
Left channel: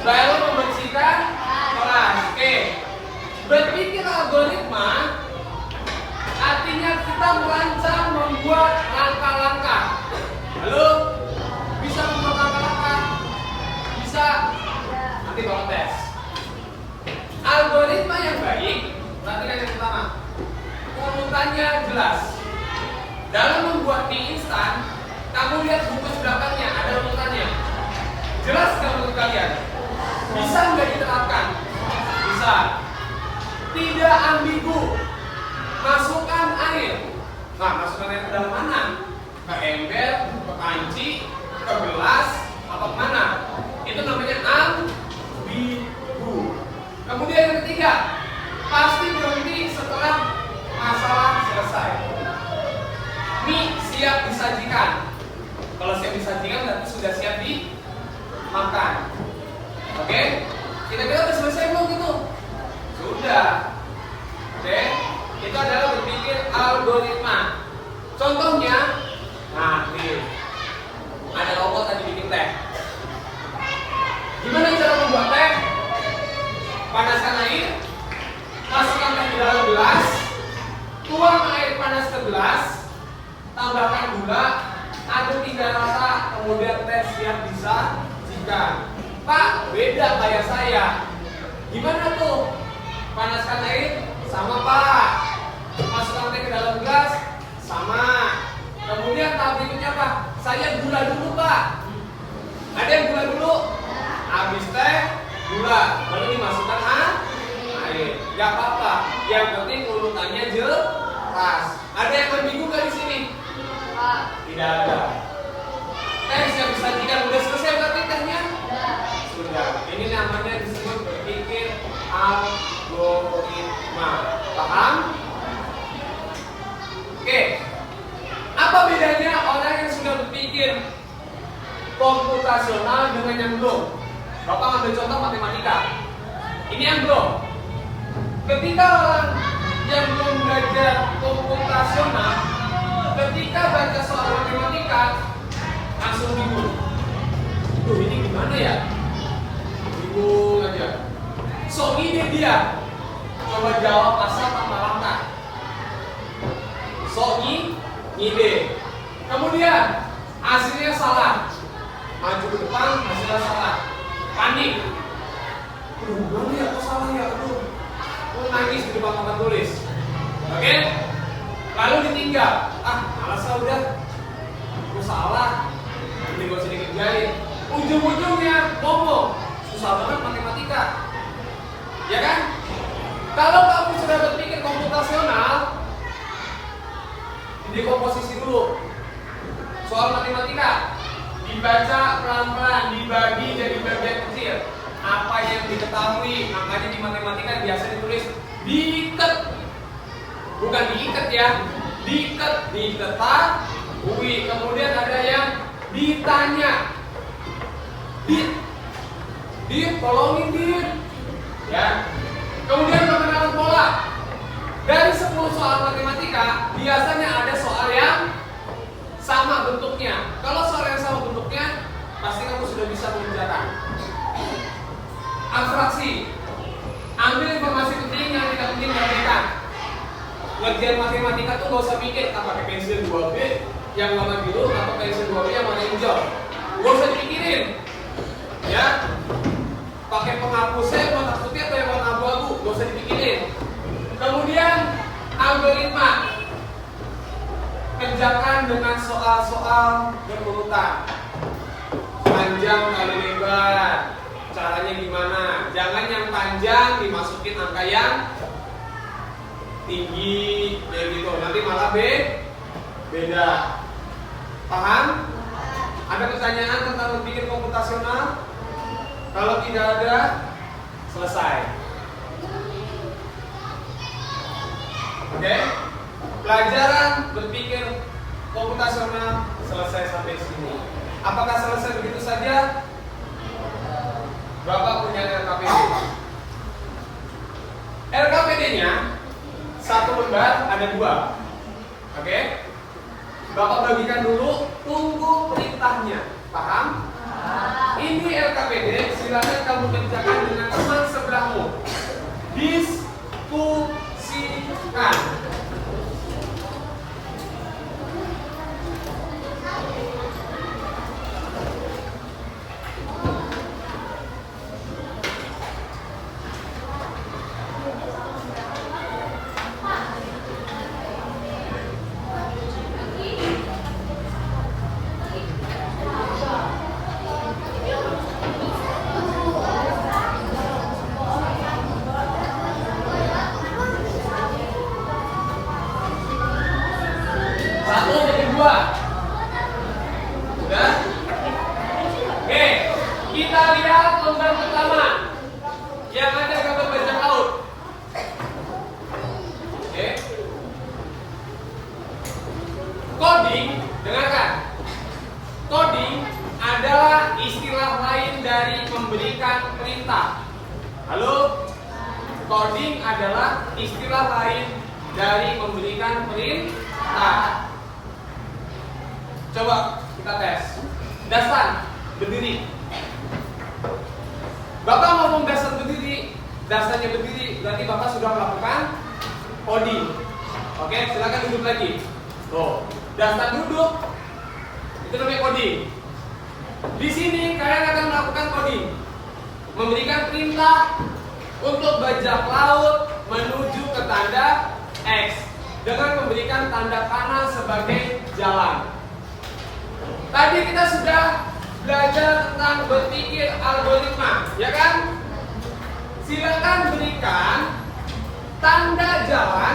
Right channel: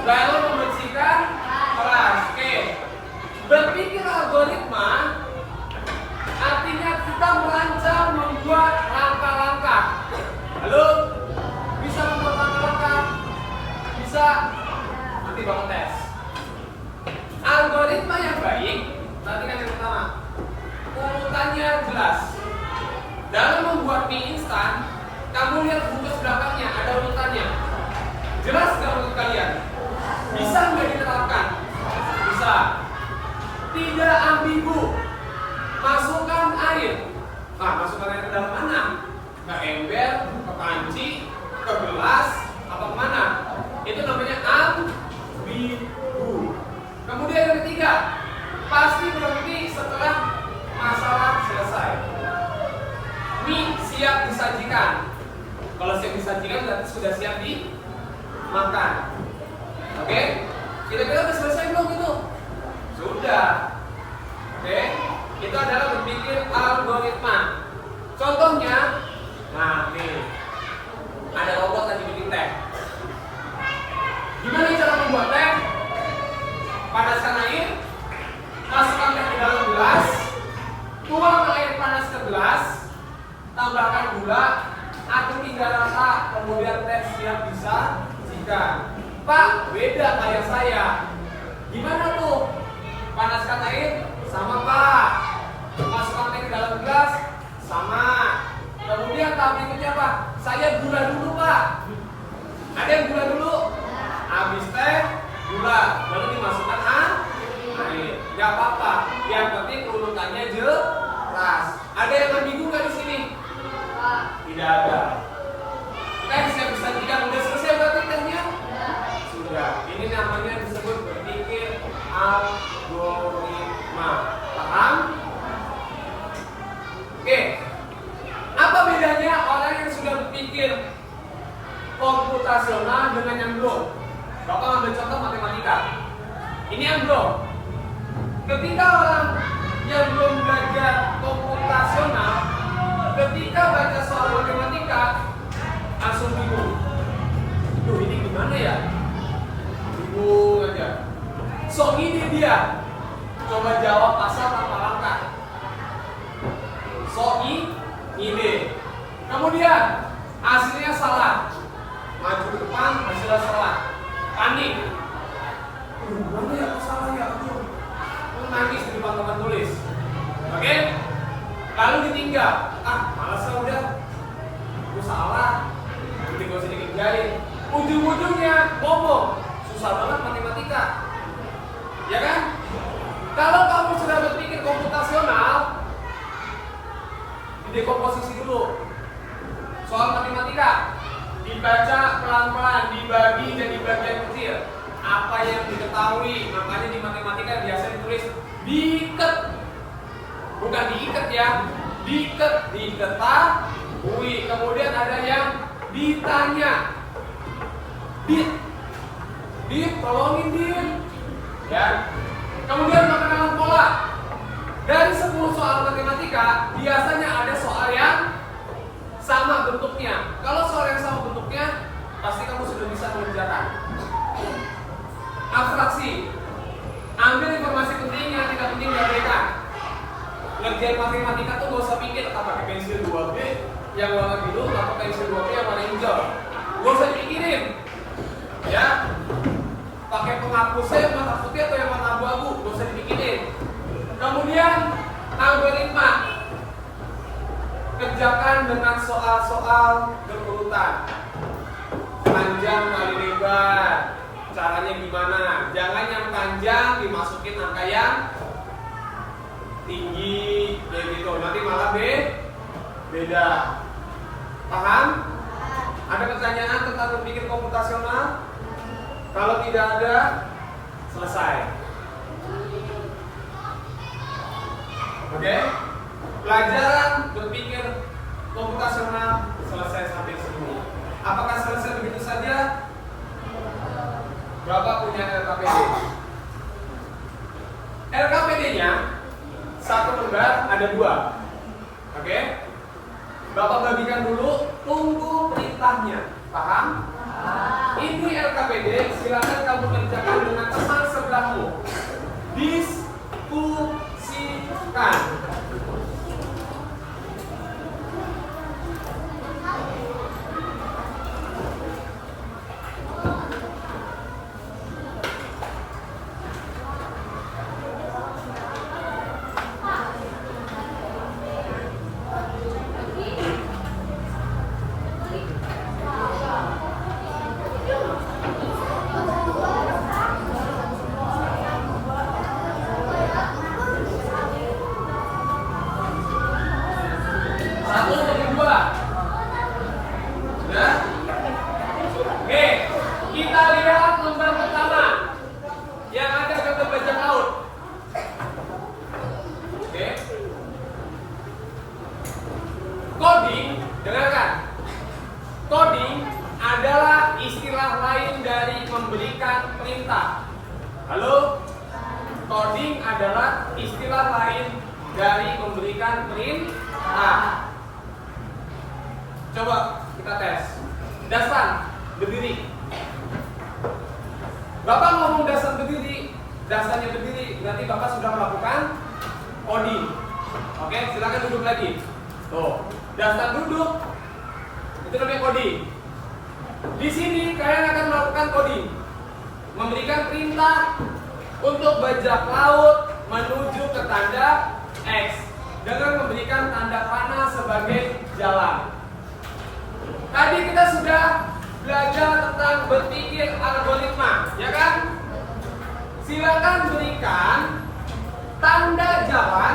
baru membersihkan kelas. Oke. Berpikir algoritma artinya kita merancang, membuat langkah-langkah. Halo? Bisa membuat langkah-langkah? Bisa. Nanti bawa tes. Algoritma yang baik, perhatikan yang pertama. Urutannya jelas. Dalam membuat mie instan, kamu lihat bungkus belakangnya ada urutannya. Jelas nggak menurut kalian? Bisa nggak diterapkan? Bisa. Tidak ambigu. Masukkan air. Nah, masukkan air ke dalam mana? Ke ember, ke panci, ke gelas, apa kemana? Itu namanya ambigu. Kemudian yang ketiga, pasti berhenti setelah masalah selesai. Mie siap disajikan. Kalau siap disajikan berarti sudah siap dimakan. Oke? Kira-kira udah selesai belum gitu? Sudah. Oke? Itu adalah berpikir algoritma. Contohnya, nah nih, ada robot lagi bikin teh. Gimana cara membuat teh? Panaskan air, masukkan teh ke dalam gelas, tuang air panas ke gelas, tambahkan gula, aduk hingga rata, kemudian teh siap disajikan. Pak, beda kayak saya. Gimana tuh? Panaskan air, sama Pak. Masukkan teh ke dalam gelas, sama. Kemudian tahap berikutnya Pak, saya gula dulu Pak. Ada yang gula dulu? Habis teh, gula, lalu dimasukkan air. Gak apa-apa. Yang penting urutannya jelas. Ada yang berbingung nggak di sini? Tidak ada. Teh siap disajikan, udah selesai berarti tehnya? Sudah. Ini namanya disebut berpikir algoritma. Paham? Oke. Apa bedanya orang yang sudah berpikir komputasional dengan yang belum? Bapak ambil contoh matematika. Ini yang belum. Ketika orang yang belum belajar komputasional, ketika baca soal matematika, langsung bingung. Tuh ini gimana ya? Bingung aja. So ini dia. Coba jawab asal tanpa langkah. So ide. Kemudian hasilnya salah. Maju ke depan, hasilnya salah. Panik. Gimana ya? Aku salah ya? Aku nangis di depan papan tulis. Oke? Lalu ditinggal. Malas lah udah. Aku salah. Nanti gak usah dikerjain. Ujung-ujungnya ngomong. Susah banget matematika. Ya kan? Kalau kamu sudah berpikir komputasional, dekomposisi dulu. soal matematika dibaca pelan-pelan, dibagi jadi bagian kecil. Apa yang diketahui, makanya di matematika biasa ditulis diikat, bukan diikat ya, diketahui. Kemudian ada yang ditanya, tolongin dit, ya. Kemudian pengenalan pola. Dari 10 soal matematika, biasanya ada soal yang sama bentuknya. Kalau soal yang sama bentuknya, pasti kamu sudah bisa mengerjakan. Abstraksi. Ambil informasi penting yang tidak penting diabaikan. Ngerjain matematika tuh gak usah pikir apa pakai pensil 2B yang warna biru atau pensil 2B yang warna hijau. Gak usah dipikirin. Ya. Pakai penghapusnya yang warna putih atau yang warna abu-abu, gak usah dipikirin. Kemudian algoritma. Kerjakan dengan soal-soal berurutan. Panjang kali lebar. Caranya gimana? Jangan yang panjang dimasukin angka yang tinggi kayak gitu. Nanti malah beda. Paham? Ada pertanyaan tentang berpikir komputasional? Kalau tidak ada, selesai. Oke? Pelajaran berpikir komputasional selesai sampai sini. Apakah selesai begitu saja? Bapak punya LKPD. LKPD-nya satu lembar ada 2. Oke? Bapak bagikan dulu, tunggu perintahnya. Paham? Ini LKPD, silakan kamu kerjakan dengan teman sebelahmu. Diskusikan. Coding, dengarkan. Coding adalah istilah lain dari memberikan perintah. Halo? Coding adalah istilah lain dari memberikan perintah. Coba kita tes. Dasan, berdiri. Bapak ngomong Dasan berdiri, Dasannya berdiri, berarti Bapak sudah melakukan coding. Oke, silakan duduk lagi. Tuh. Dasan duduk, itu namanya coding. Di sini kalian akan melakukan coding, memberikan perintah untuk bajak laut menuju ke tanda X dengan memberikan tanda panah sebagai jalan. Tadi kita sudah belajar tentang berpikir algoritma, ya kan? Silakan berikan tanda jalan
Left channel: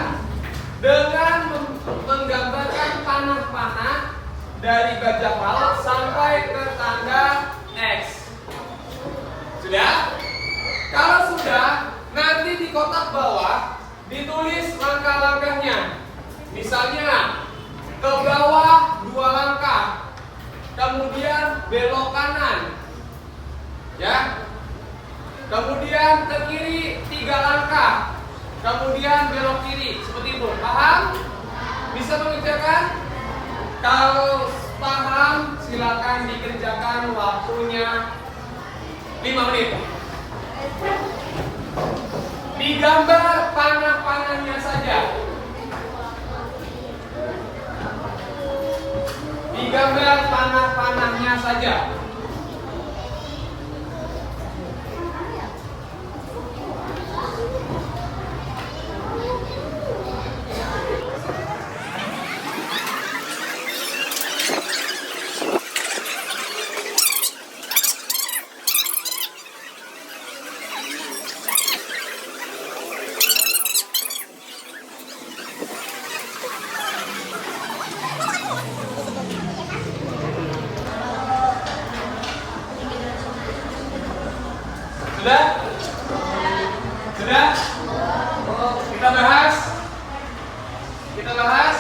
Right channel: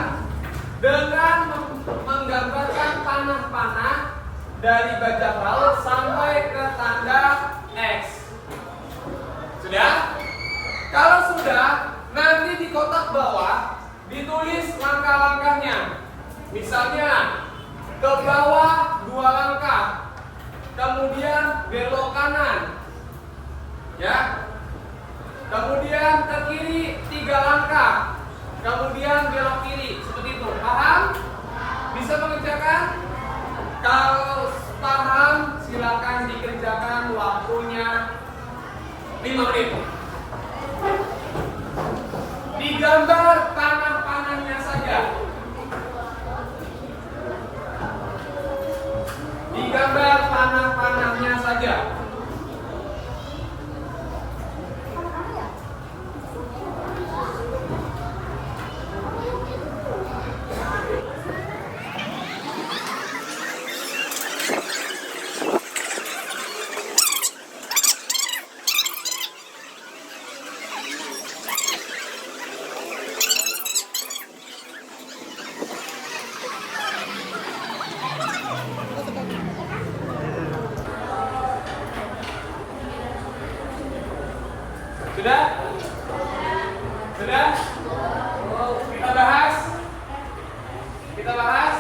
dengan menggambarkan panah-panah dari bajak laut sampai ke tanda X. Sudah? Kalau sudah, nanti di kotak bawah ditulis langkah-langkahnya. Misalnya, ke bawah 2 langkah, kemudian belok kanan, ya. Kemudian ke kiri 3 langkah, kemudian belok kiri, seperti itu. Paham? Bisa mengerjakan? Kalau paham, silakan dikerjakan, waktunya 5 menit. Digambar panah-panahnya saja. Digambar panah-panahnya saja. Sudah? Kita bahas. Kita bahas.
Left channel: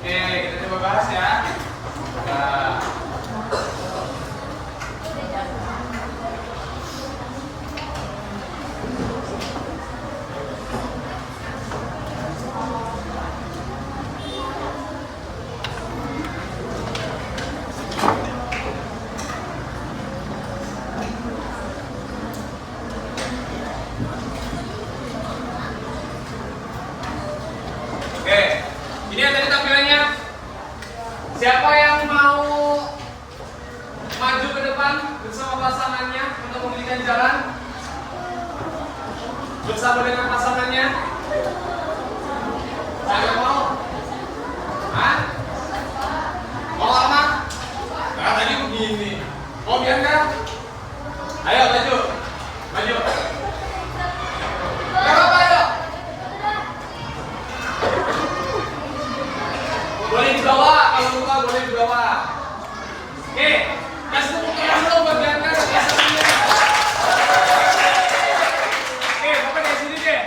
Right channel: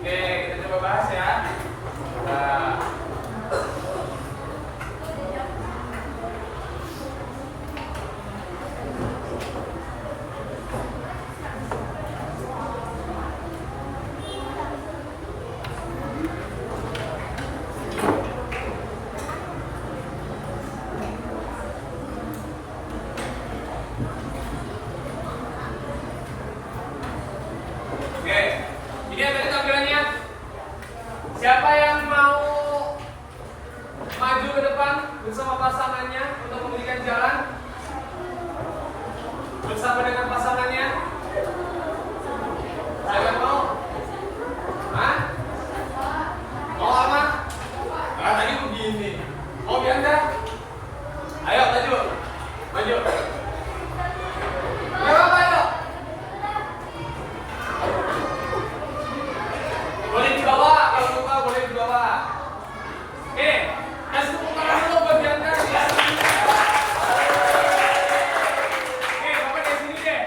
Oke, kita coba bahas ya. Nah. Oke, ini yang tadi tampilannya. Siapa yang mau maju ke depan bersama pasangannya untuk memberikan jalan bersama dengan pasangannya? Saya mau. Hah? Mau anak? Nah, tadi begini. Mau biar enggak? Ayo maju, maju. Gak apa-apa, ayo. Boleh dibawa, kalau lupa boleh dibawa. Oke, kasih tepuk tangan dulu buat Bianca dan pasangannya. Oke, Bapak dari sini deh.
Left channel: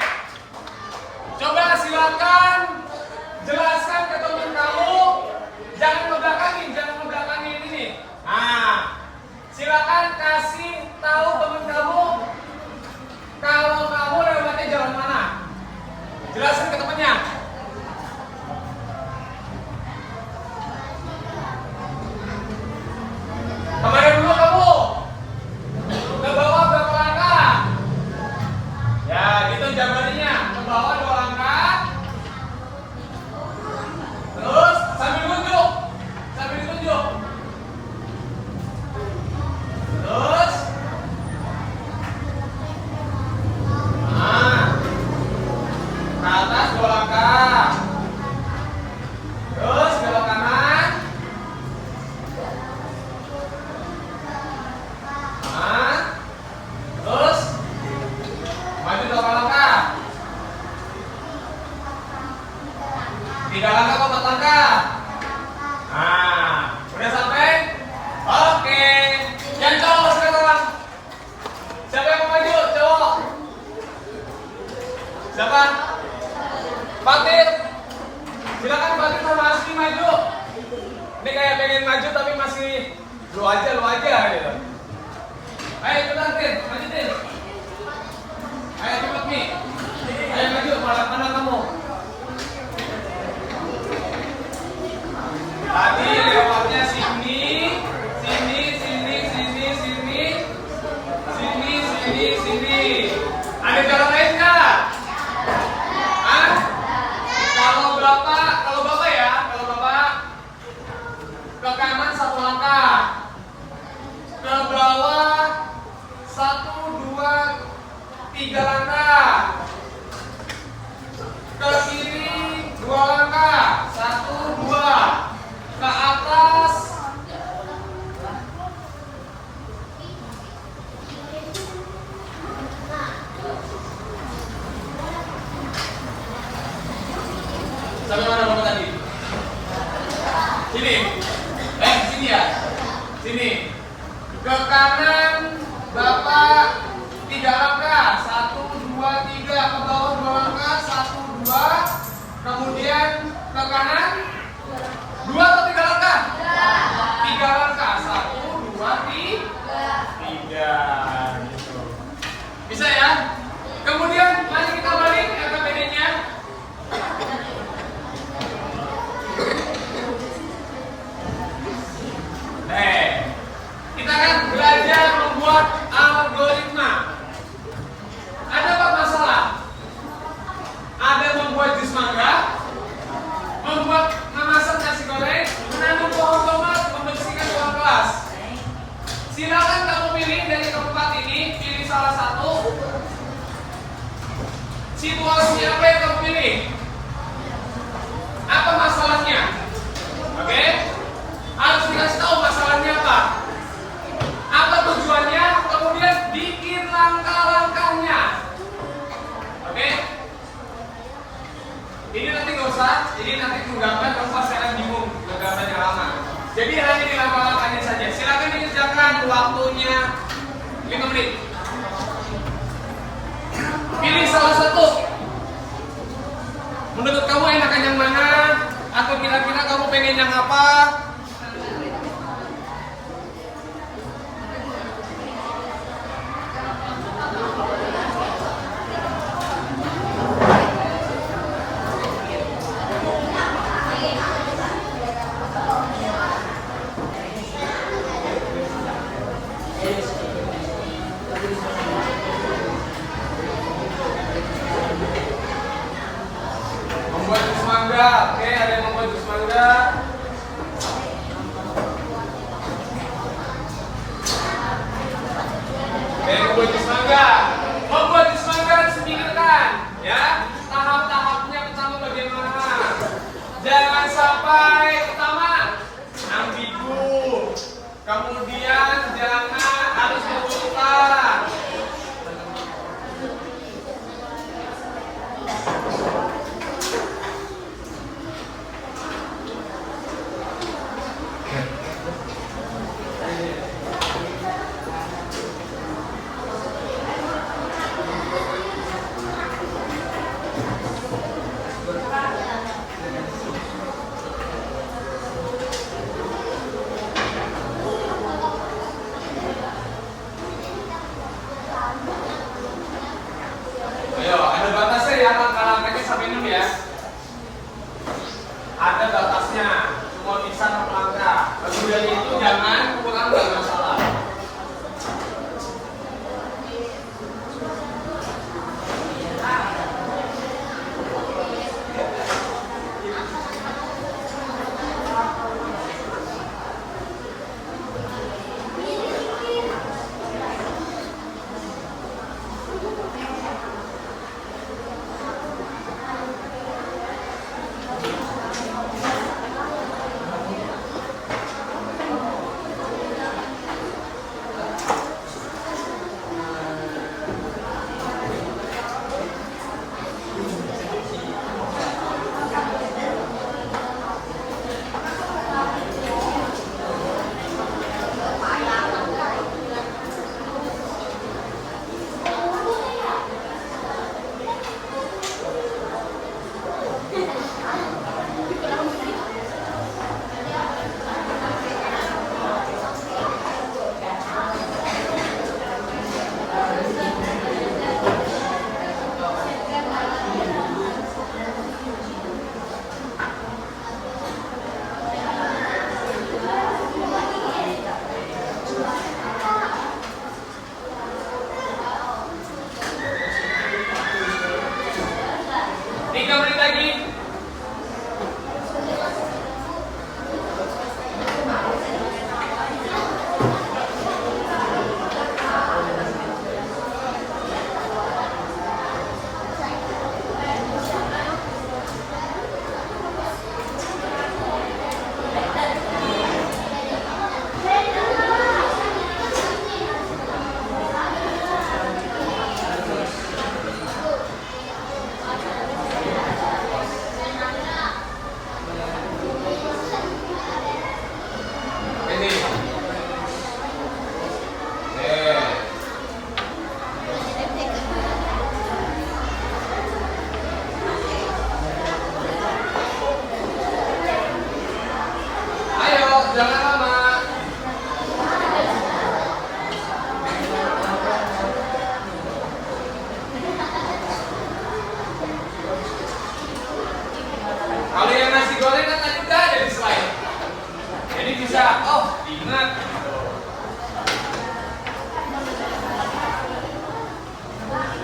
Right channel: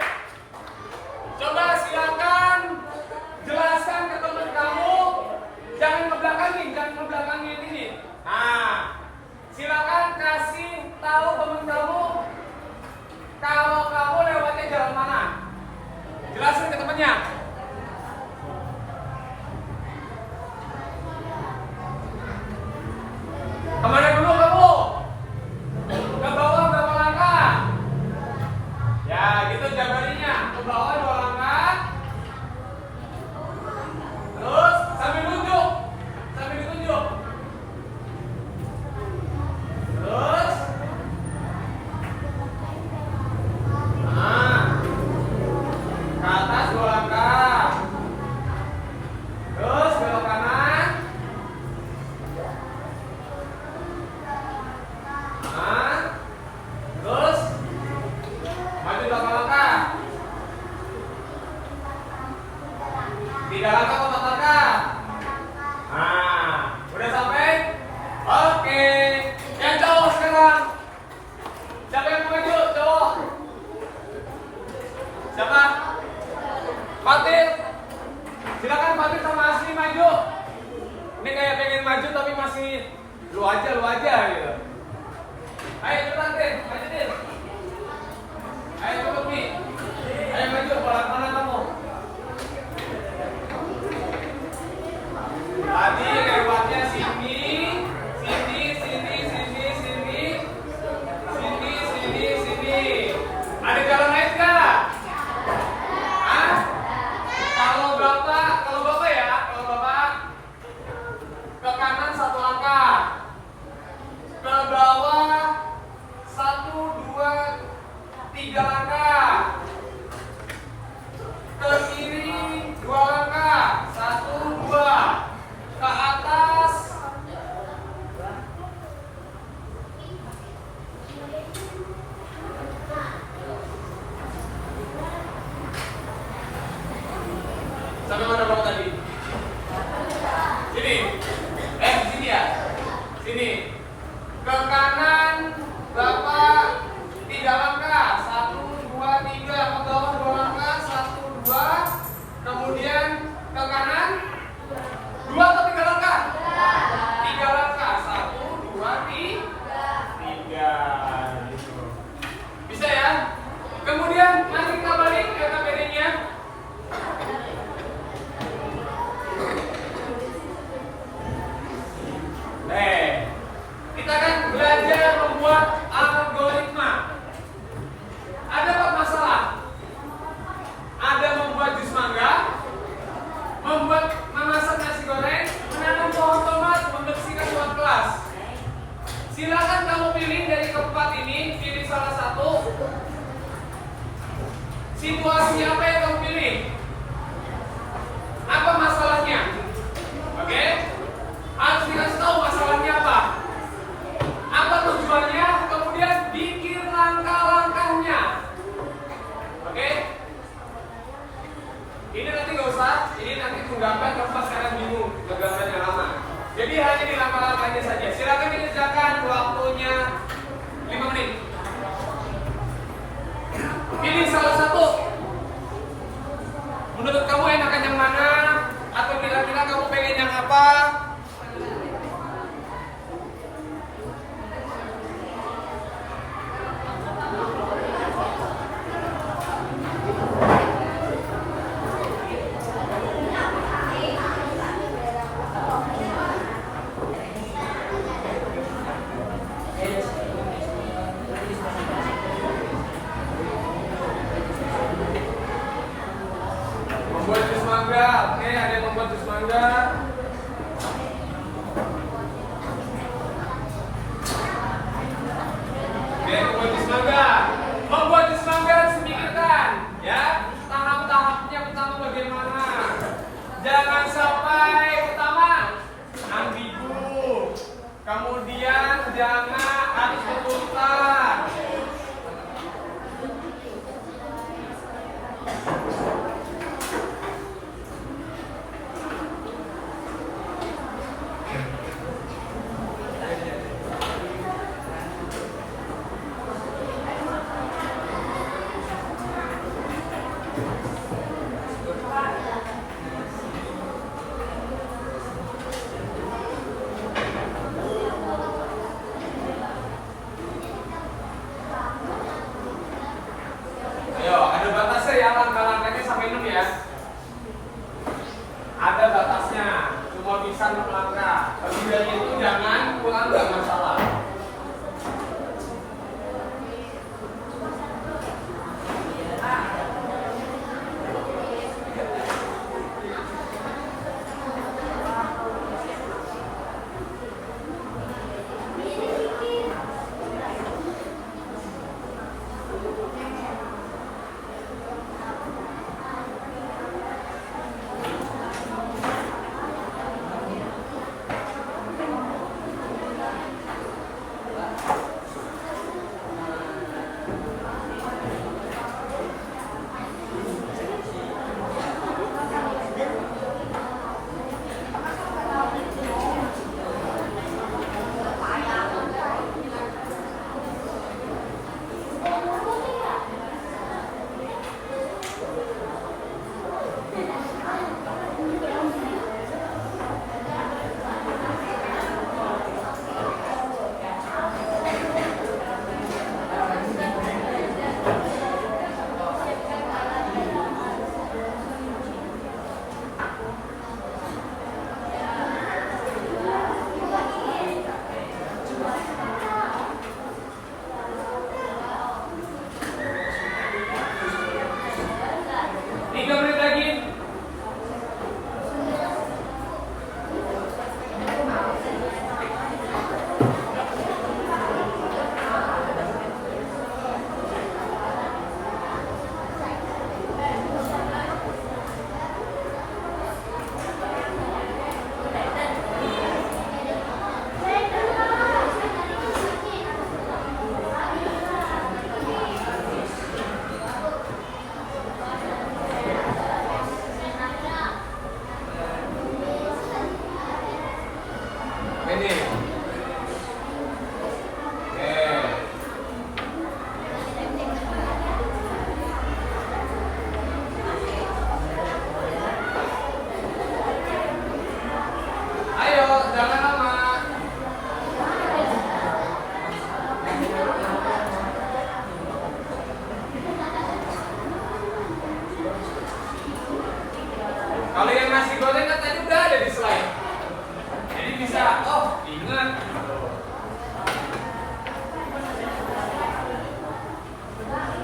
Coba silakan jelaskan ke teman kamu, jangan megangin ini. Nah, silakan kasih tahu teman kamu kalau kamu lewatnya jalan mana. Jelaskan ke temannya. Kemana dulu kamu? Ke bawah berapa langkah? Ya gitu jagalinya. Ke bawah 2 langkah. Terus sambil nunjuk. Sambil ditunjuk. Terus nah, ke atas 2 langkah. Terus belok kanan. Nah, terus maju 8 langkah. 3 langkah atau 4 langkah. Nah, udah sampai? Oke. Yang cowok sekarang. Siapa yang mau maju? Cowok. Siapa? Fatir. Silakan Fatir sama Asli maju. Ini kayak pengen maju tapi masih lu aja gitu. Ayo cepetan Tin, maju Tin. Ayo cepet Mi. Ayo maju, mana kamu? Tadi lewatnya sini. Ada jalan lain nggak? Hah? Kalau bapak ya, ke kanan 1 langkah. Ke bawah 1, 2, 3 langkah. Ke kiri 2 langkah. 1, 2. Ke atas. Sampai mana kamu tadi? Sini. Sini ya. Sini. Ke kanan Bapak 3 langkah. 1, 2, 3. Ke bawah 2 langkah. 1, 2. Kemudian ke kanan 2 atau 3 langkah? 3 langkah. 1, 2, 3. Gitu. Bisa ya? Kemudian mari kita balik LKPD-nya. Kita akan belajar membuat algoritma. Ada apa masalah? Ada membuat jus mangga, memasak nasi goreng, menanam pohon tomat, membersihkan ruang kelas. Silakan kamu pilih dari keempat ini, pilih salah satu. Situasi apa yang kamu pilih? Apa masalahnya? Oke? Harus dikasih tahu masalahnya apa. Apa tujuannya? Kemudian bikin langkah-langkahnya. Oke? Ini nanti nggak usah. Ini nanti menggambar kamu pasti akan bingung. Gambarnya lama. Jadi hanya di langkah-langkahnya saja. Silakan dikerjakan, waktunya 5 menit. Menurut kamu enakan yang mana? Atau kira-kira kamu pengen yang apa? Membuat jus mangga. Oke, ada yang membuat jus mangga. Oke, membuat jus mangga. Membuat jus mangga harus dipikirkan, ya. Tahap-tahapnya pertama bagaimana? Jangan sampai pertama ambigu. Kemudian jangan harus berurutan. Ayo, ada batasnya ya, langkah-langkahnya sampai 6 ya. Ada batasnya, cuma bisa 6 langkah. Lebih dari itu jangan kurang, nggak masalah. Kalau yang nasi goreng kan tadi udah ada di slide. Jadi bisa, oh diingat.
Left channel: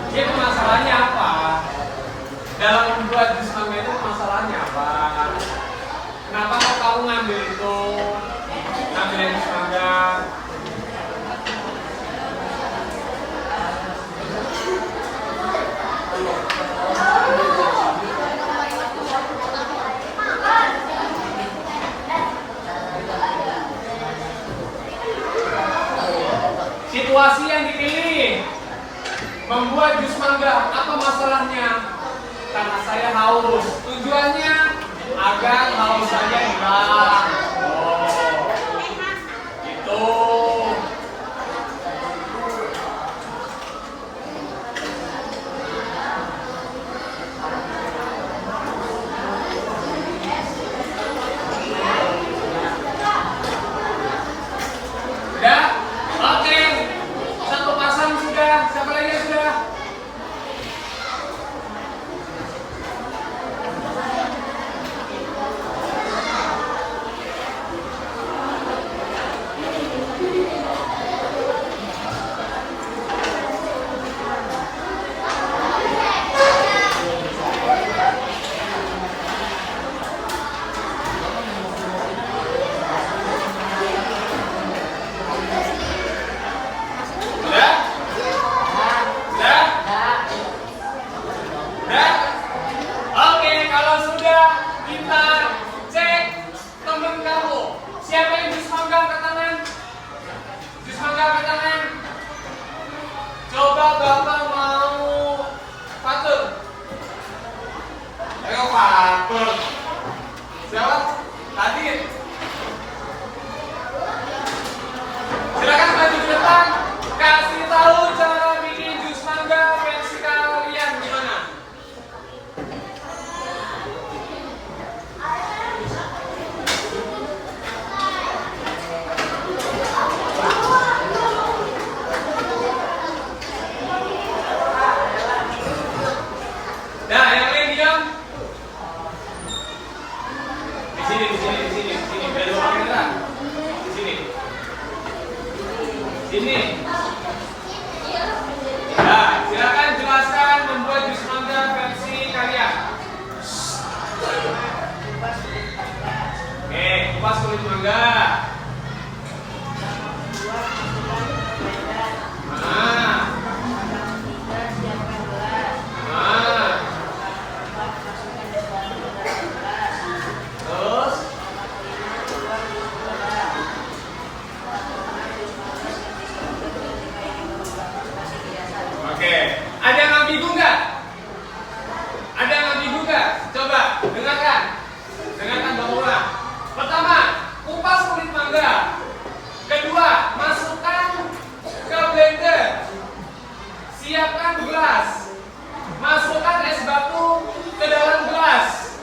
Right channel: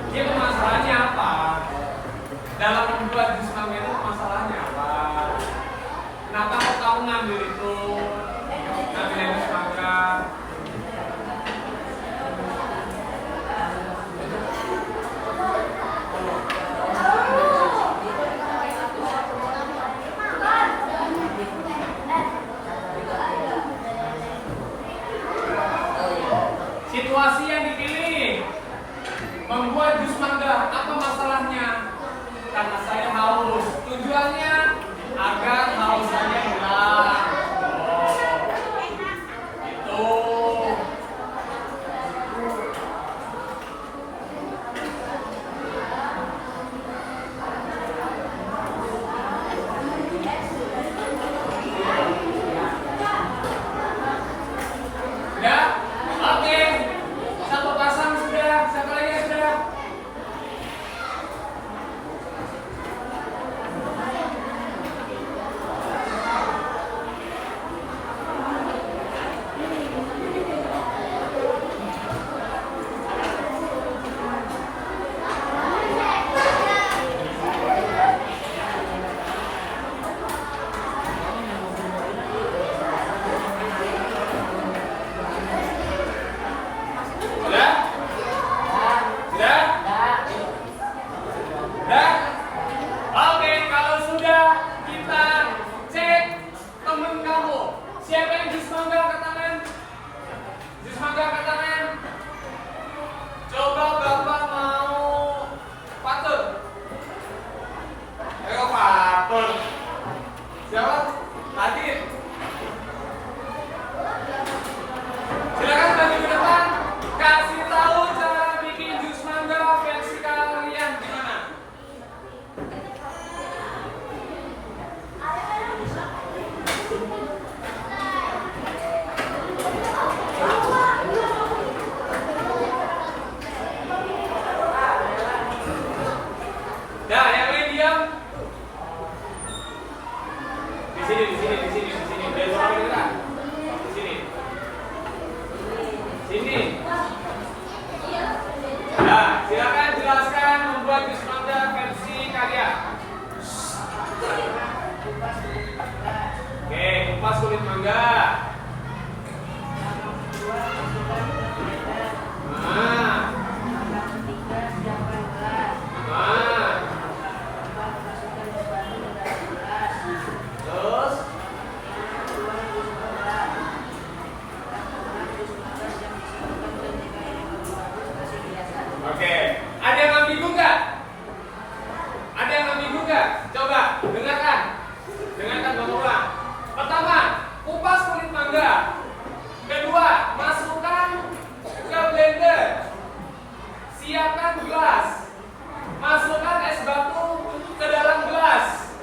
Jadi masalahnya apa? Dalam membuat jus mangga itu masalahnya apa? Kenapa kok kamu ngambil itu? Ngambil yang jus mangga? Situasi yang dipilih membuat jus mangga, apa masalahnya? Karena saya haus. Tujuannya agar haus saya hilang. Gitu. Pak. Siapa? Tadi. Silakan maju ke depan. Kasih tahu cara bikin jus mangga versi kalian gimana? Nah, yang lain diam. Di sini. Belok kamera. Di sini. Sini. Nah, silakan jelaskan membuat jus mangga versi kalian. Oke, kupas kulit mangga. Nah. Terus oke, ada yang ambigu nggak? Ada yang ambigu nggak? Coba dengarkan Bang Ulang. Pertama, kupas kulit mangga. Kedua, masukkan ke blender. Siapkan gelas. Masukkan es batu ke dalam gelas.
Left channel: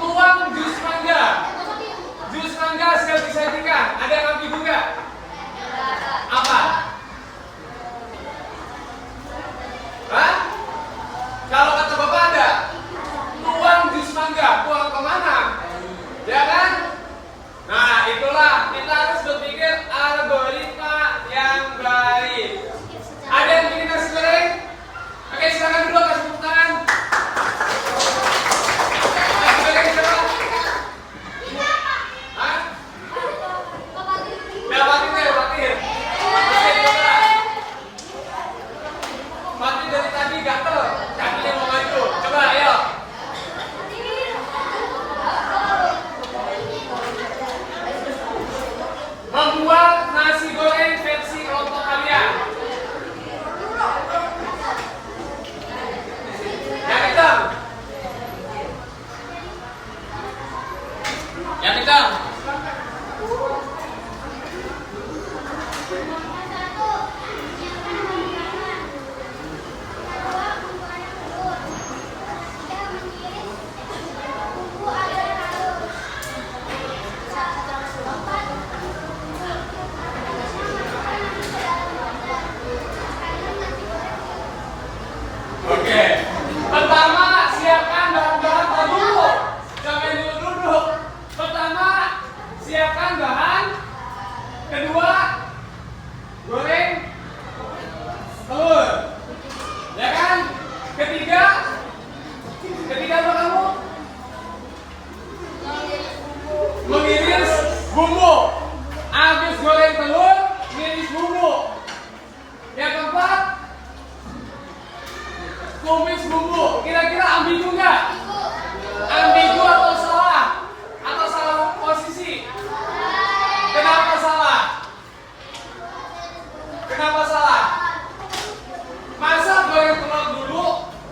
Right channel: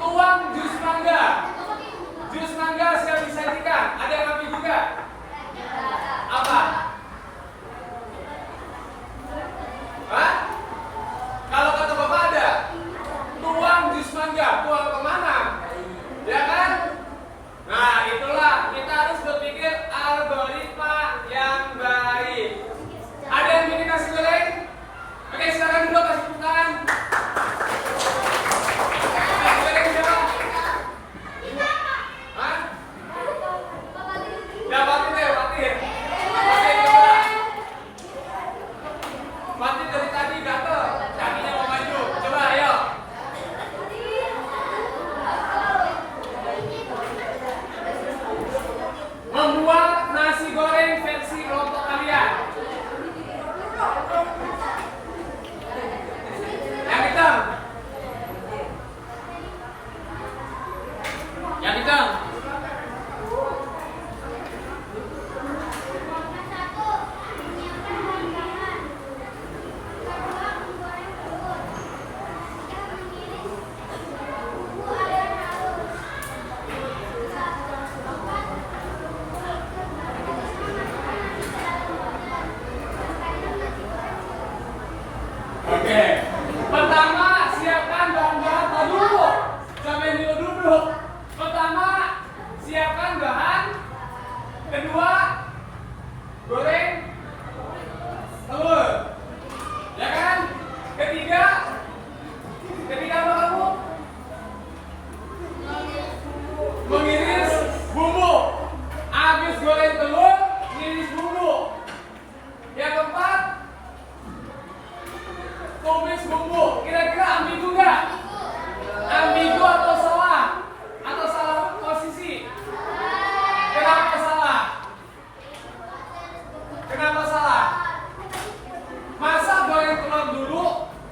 Tuang jus mangga. Jus mangga siap disajikan. Ada yang ambigu nggak? Apa? Hah? Kalau kata Bapak ada, tuang jus mangga, tuang kemana? Ya kan? Nah, itulah kita harus berpikir algoritma yang baik. Ada yang bikin nasi goreng? Oke, silakan dulu kasih tepuk tangan. Nasi goreng siapa? Hah? Ya, Fatir. Fatir dari tadi gatel, kakinya mau maju. Coba, ayo. Membuat nasi goreng versi kelompok kalian. Yang hitam. Yang hitam. Oke. Pertama, siapkan bahan-bahan dulu. Jangan duduk. Pertama, siapkan bahan. Kedua, goreng telur. Ya kan? Ketiga apa kamu? Mengiris bumbu. Habis goreng telur, ngiris bumbu. Yang keempat, tumis bumbu. Kira-kira ambigu nggak? Ambigu atau salah? Atau salah posisi? Kenapa salah? Kenapa salah? Masa goreng telur dulu,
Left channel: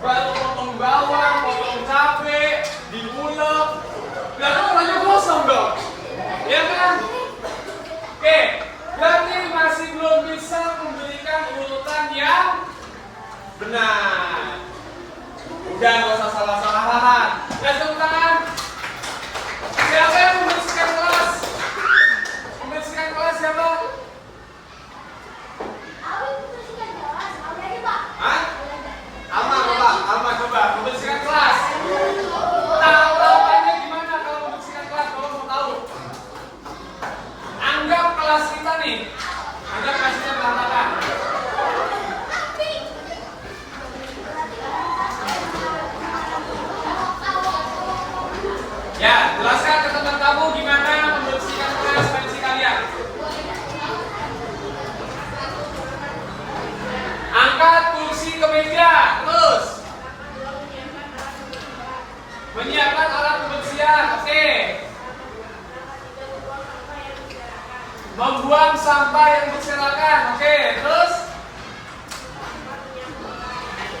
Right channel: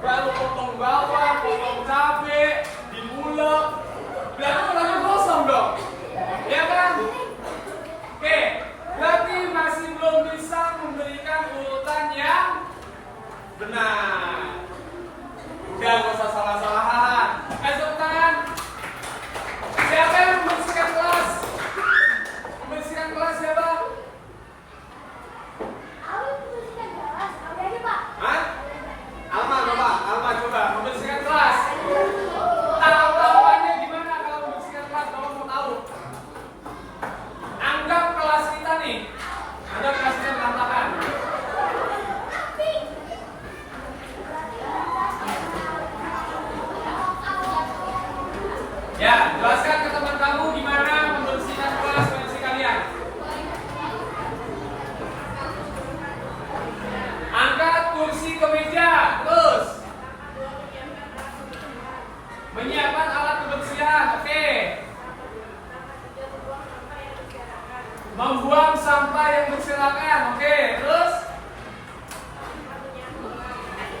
baru potong bawang, potong cabai, diulek. Berarti telurnya gosong dong. Ya kan? Oke, berarti masih belum bisa memberikan urutan yang benar. Udah, nggak usah salah-salahan. Kasih tepuk tangan. Siapa yang membersihkan kelas? Membersihkan kelas siapa? Hah? Alma, Bapak. Alma coba membersihkan kelas. Tahu-tahuannya gimana kalau membersihkan kelas? Bapak mau tahu. Anggap kelas kita nih. Anggap kelasnya berantakan. Ya, jelaskan ke teman kamu gimana membersihkan kelas versi kalian. Angkat kursi ke meja, terus menyiapkan alat pembersihan. Oke. Membuang sampah yang berserakan. Oke, terus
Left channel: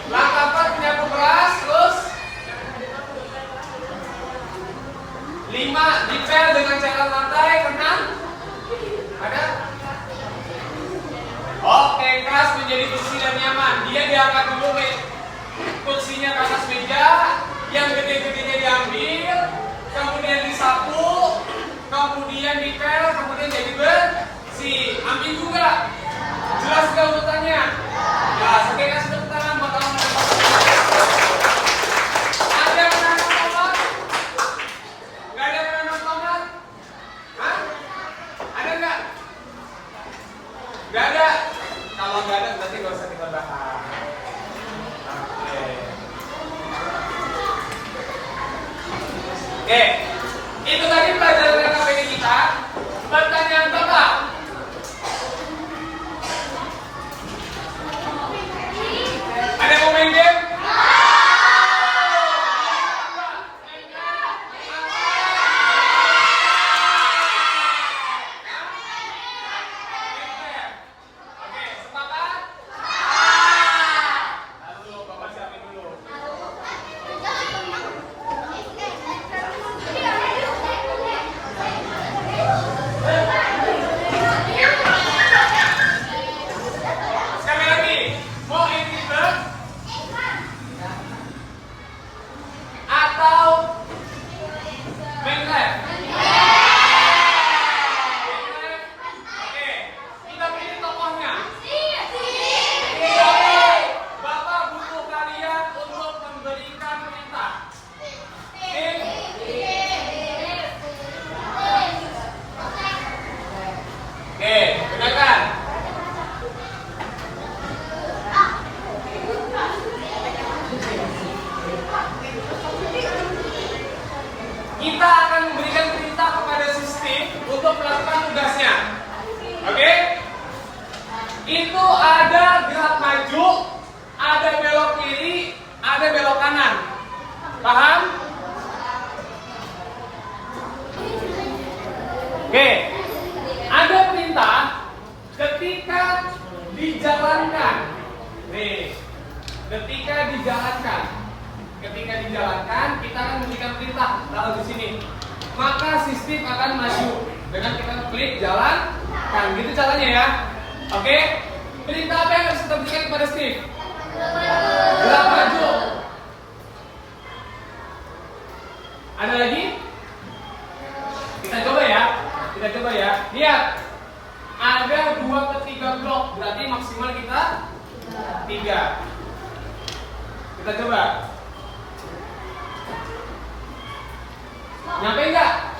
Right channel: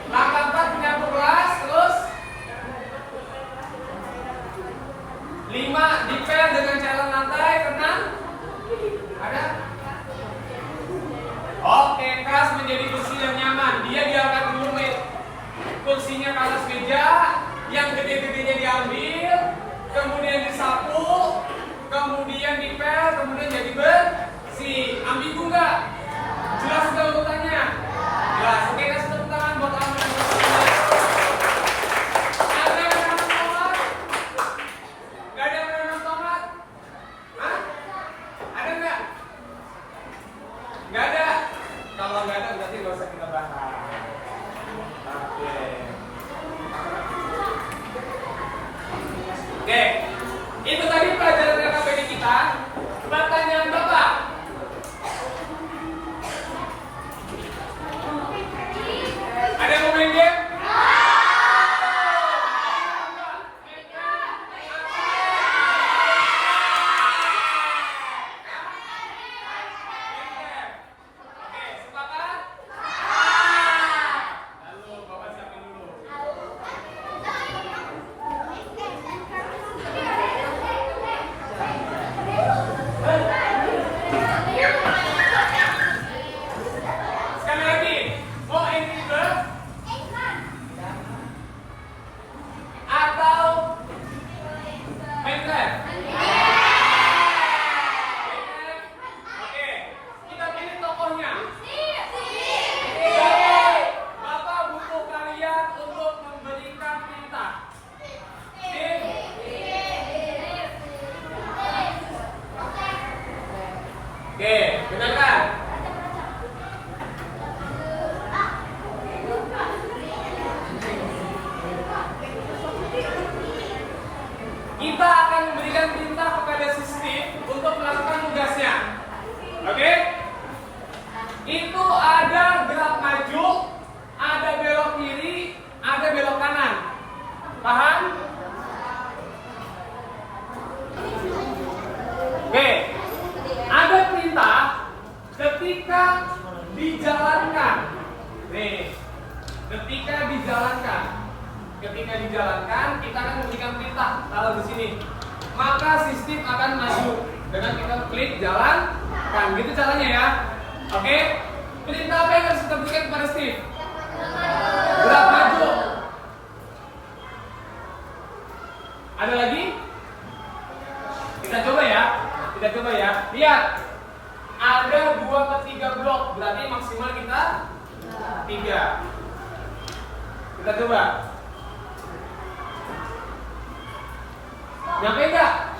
langkah 4 menyapu kelas, terus kursinya ke atas meja, yang gede-gedenya diambil, kemudian disapu, kemudian dipel, kemudian jadi bersih. Ambigu nggak? Jelas nggak urutannya? Jelas. Oke, kasih tepuk tangan buat kamu. Ada yang menanam tomat? Nggak ada yang menanam tomat? Hah? Ada nggak? Nggak ada. Kalau nggak ada berarti nggak usah kita bahas. Oke, itu tadi pelajaran KKPD kita. Pertanyaan Bapak. Ada yang mau main game? Oke, sepakat? Lalu Bapak siapin dulu. Sekali lagi, mau introvert atau Minecraft? Oke, kita pilih tokohnya. Bapak butuh kalian untuk memberikan perintah. Oke, dengarkan. Kita akan memberikan perintah kepada sistem untuk melakukan tugasnya. Oke? Itu ada gerak maju, ada belok kiri, ada belok kanan. Paham? Oke. Ada perintah ketika dijalankan. Nih, ketika dijalankan kita akan memberikan perintah taruh di sini. Maka sistem akan maju dengan kita klik jalankan. Gitu caranya ya. Oke? Perintah apa yang harus kita berikan kepada Steve? Gerak maju. Ada lagi? Kita coba ya. Lihat. Ada 2/3 blok, berarti maksimal kita 3. Kita coba. Nyampe enggak?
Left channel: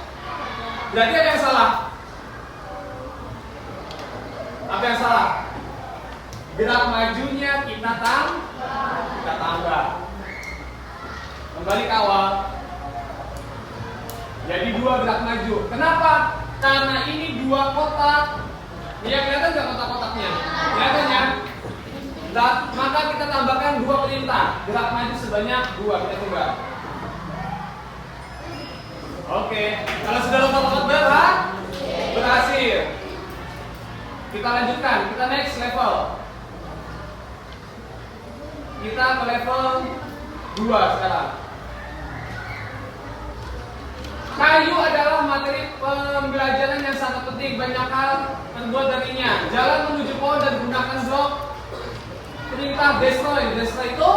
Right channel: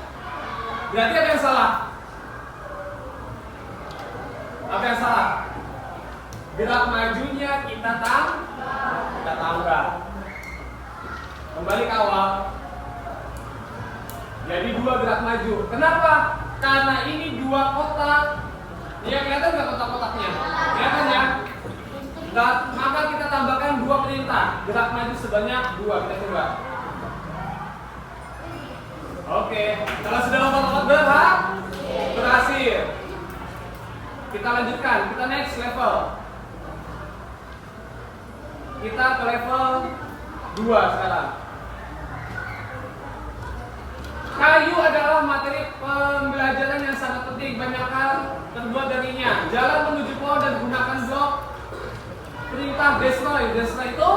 Berarti ada yang salah. Apa yang salah? Gerak majunya kita tambah. Kembali ke awal. Jadi 2 gerak maju. Kenapa? Karena ini 2 kotak. Ya kelihatan nggak kotak-kotaknya? Kelihatan ya? Maka kita tambahkan 2 perintah. Gerak maju sebanyak 2. Kita coba. Oke, kalau sudah lompat berhasil. Kita lanjutkan, kita next level. Kita ke level 2 sekarang. Kayu adalah materi pembelajaran yang sangat penting. Banyak hal terbuat darinya. Jalan menuju pohon dan gunakan blok. Perintah destroy. Destroy itu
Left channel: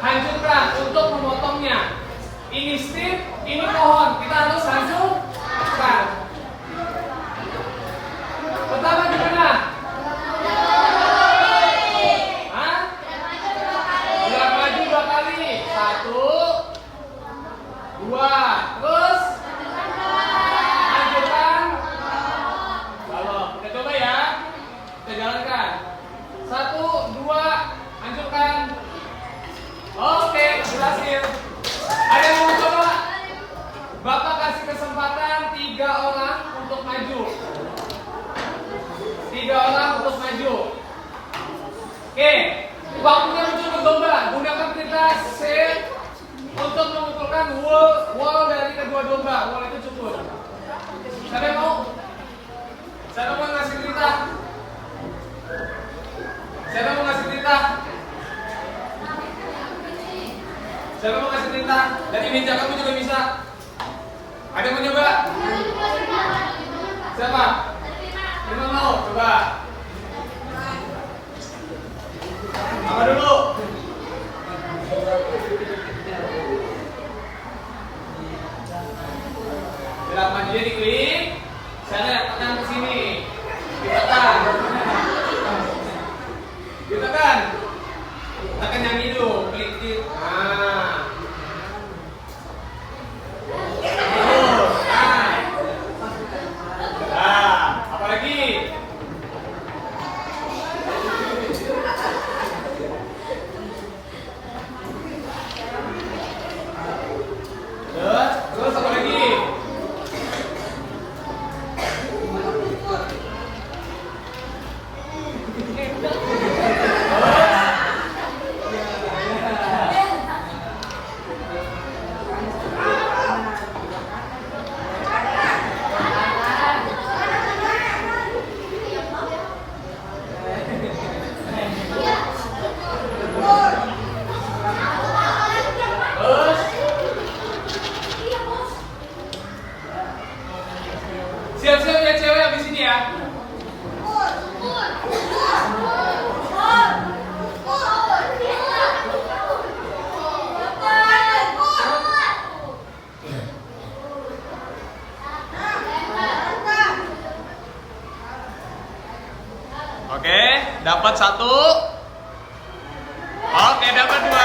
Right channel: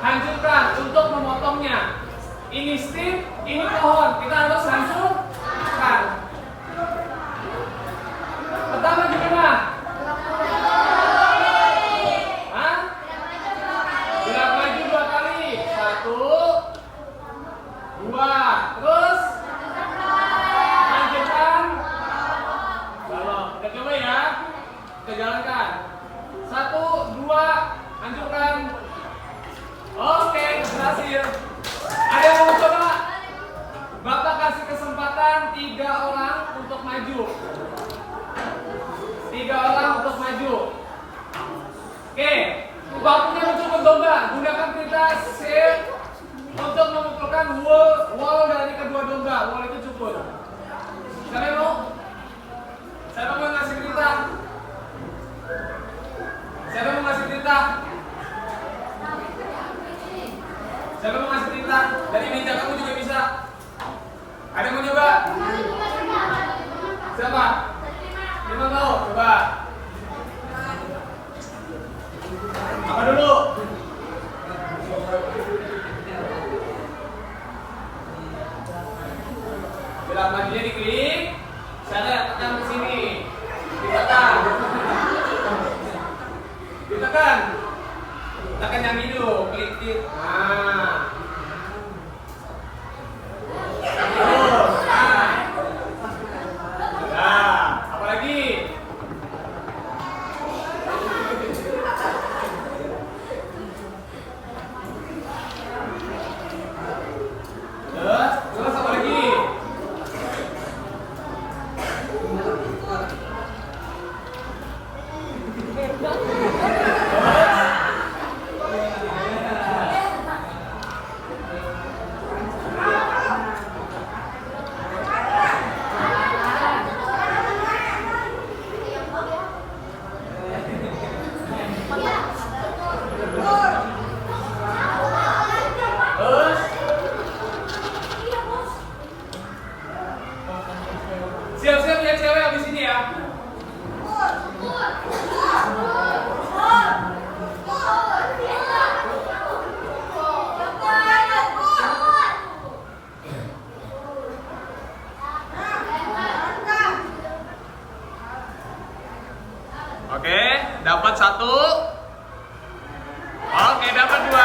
hancurkan untuk memotongnya. Ini strip, ini pohon. Kita harus hancurkan. Pertama di mana? Hah? Gerak maju 2 kali. 1, 2. Terus lanjutkan. Balok. Kita coba ya. Kita jalankan. 1, 2. Hancurkan. Oke, berhasil. Ada yang mau coba? Bapak kasih kesempatan 3 orang untuk maju. 3 orang untuk maju. Oke, waktunya untuk berdomba. Gunakan perintah set untuk mengumpulkan wall dari kedua domba. Wall itu cukup. Siapa mau? Siapa mau ngasih perintah? Siapa mau ngasih perintah? Siapa mau ngasih perintah? Dari meja kamu juga bisa. Ada yang mau coba? Siapa? Siapa mau? Coba. Apa dulu? Tekan yang hidup, klik klik. Nah. Terus, nah, apa lagi? Terus apa lagi? Siap-siap ya cewek abis ini ya. Oke, dapat 1. Oke, dapat 2.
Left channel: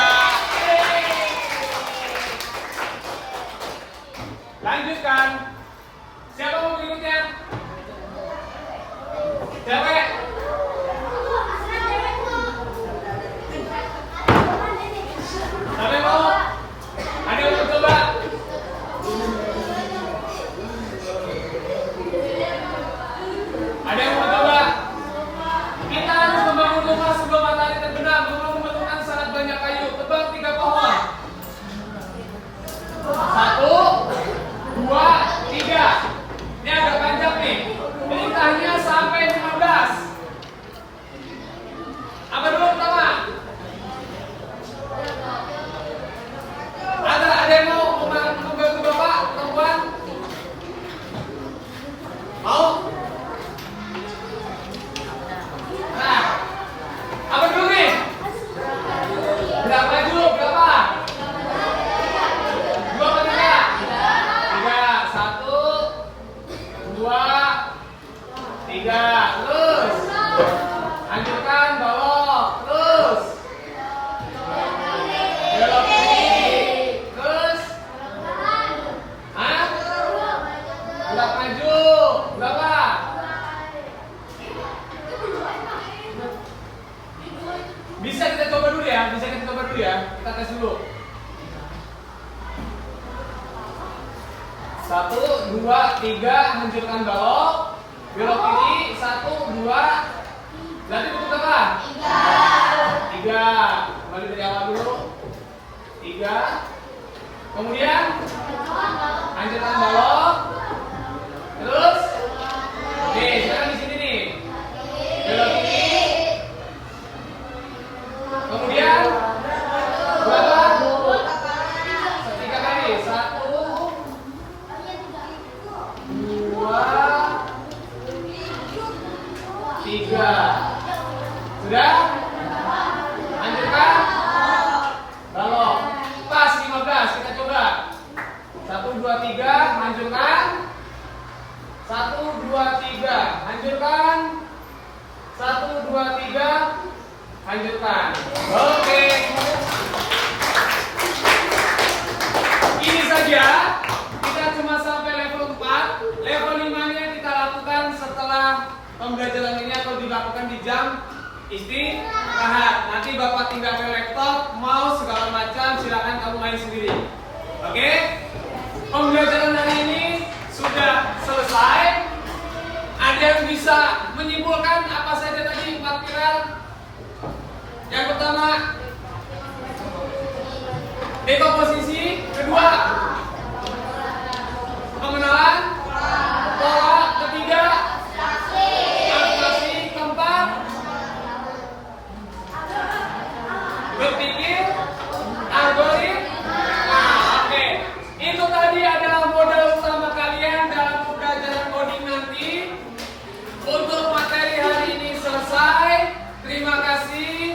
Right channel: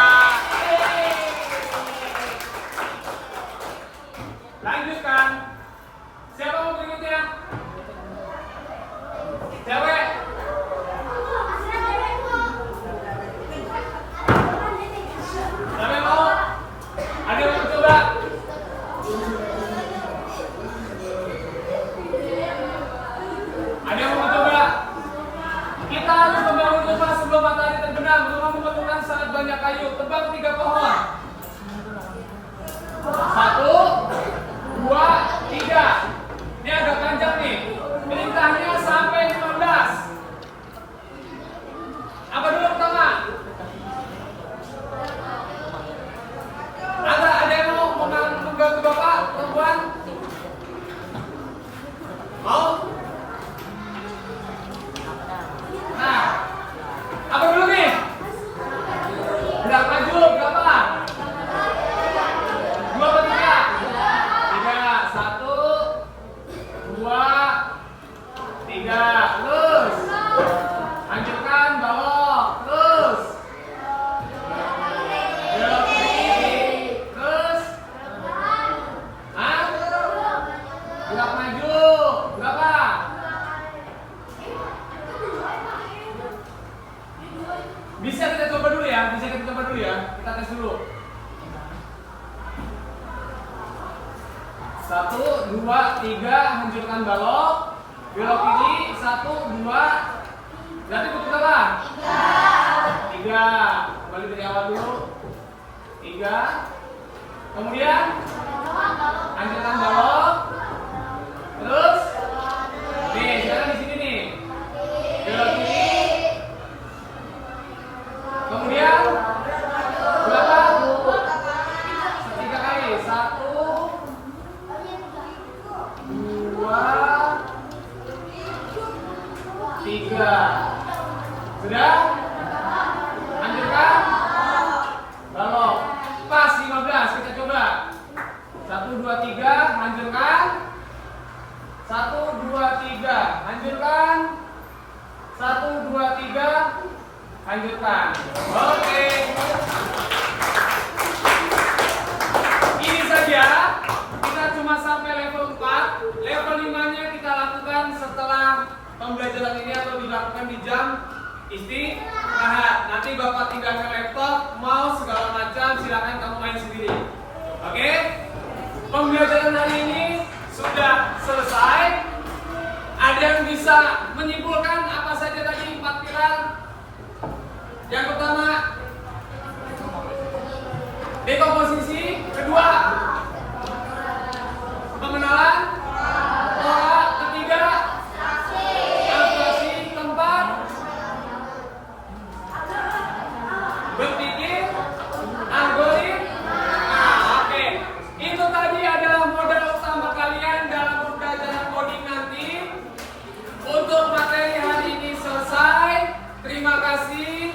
Lanjutkan. Siapa mau berikutnya? Cewek. Siapa yang mau? Ada yang mau coba? Ada yang mau coba? Kita harus membangun rumah sebelum matahari terbenam. Rumah memerlukan sangat banyak kayu. Tebang 3 pohon. 1, 2, 3. Ini agak panjang nih. Perintahnya sampai 15. Apa dulu pertama? Ada yang mau membantu Bapak, perempuan? Mau? Nah, apa dulu nih? Berapa maju? Berapa? 2 atau 3? 3. 1, 2, 3. Terus. Lanjutkan belok. Terus. Belok kiri. Terus. Hah? Gerak maju. Berapa? Bisa kita coba dulu ya. Kita tes dulu. 1, 2, 3. Hancurkan balok. Belok kiri. 1, 2. Berarti butuh berapa? 3. Kembali dari awal dulu. 3. Kemudian hancurkan balok. Terus. Nih, sekarang di sini nih. Belok kiri. Kemudian berapa? 3 kali. 1, 2, 3. Sudah? Lanjutkan. Balok. Pas 15. Kita coba. 1, 2, 3. Lanjutkan. 1, 2, 3. Lanjutkan. 1, 2, 3. Lanjutkan. Oke. Ini saja. Kita cuma sampai level 4. Level 5-nya kita lakukan setelah pembelajaran ini atau dilakukan di jam istirahat. Nanti Bapak tinggal ke laptop, mau segala macam, silakan kamu main sendiri. Oke? Pembelajaran hari ini sudah selesai. Ada yang bisa menyimpulkan apa saja tadi 4 pilar? Yang pertama, dekomposisi. Kedua, pengenalan. Pola. Ketiga, abstraksi. Keempat, berpikir. Algoritma. Nah, oke. Itu tadi adalah modal utama kalian dalam pembelajaran coding nanti. Untuk materi hari ini selesai. Terima kasih.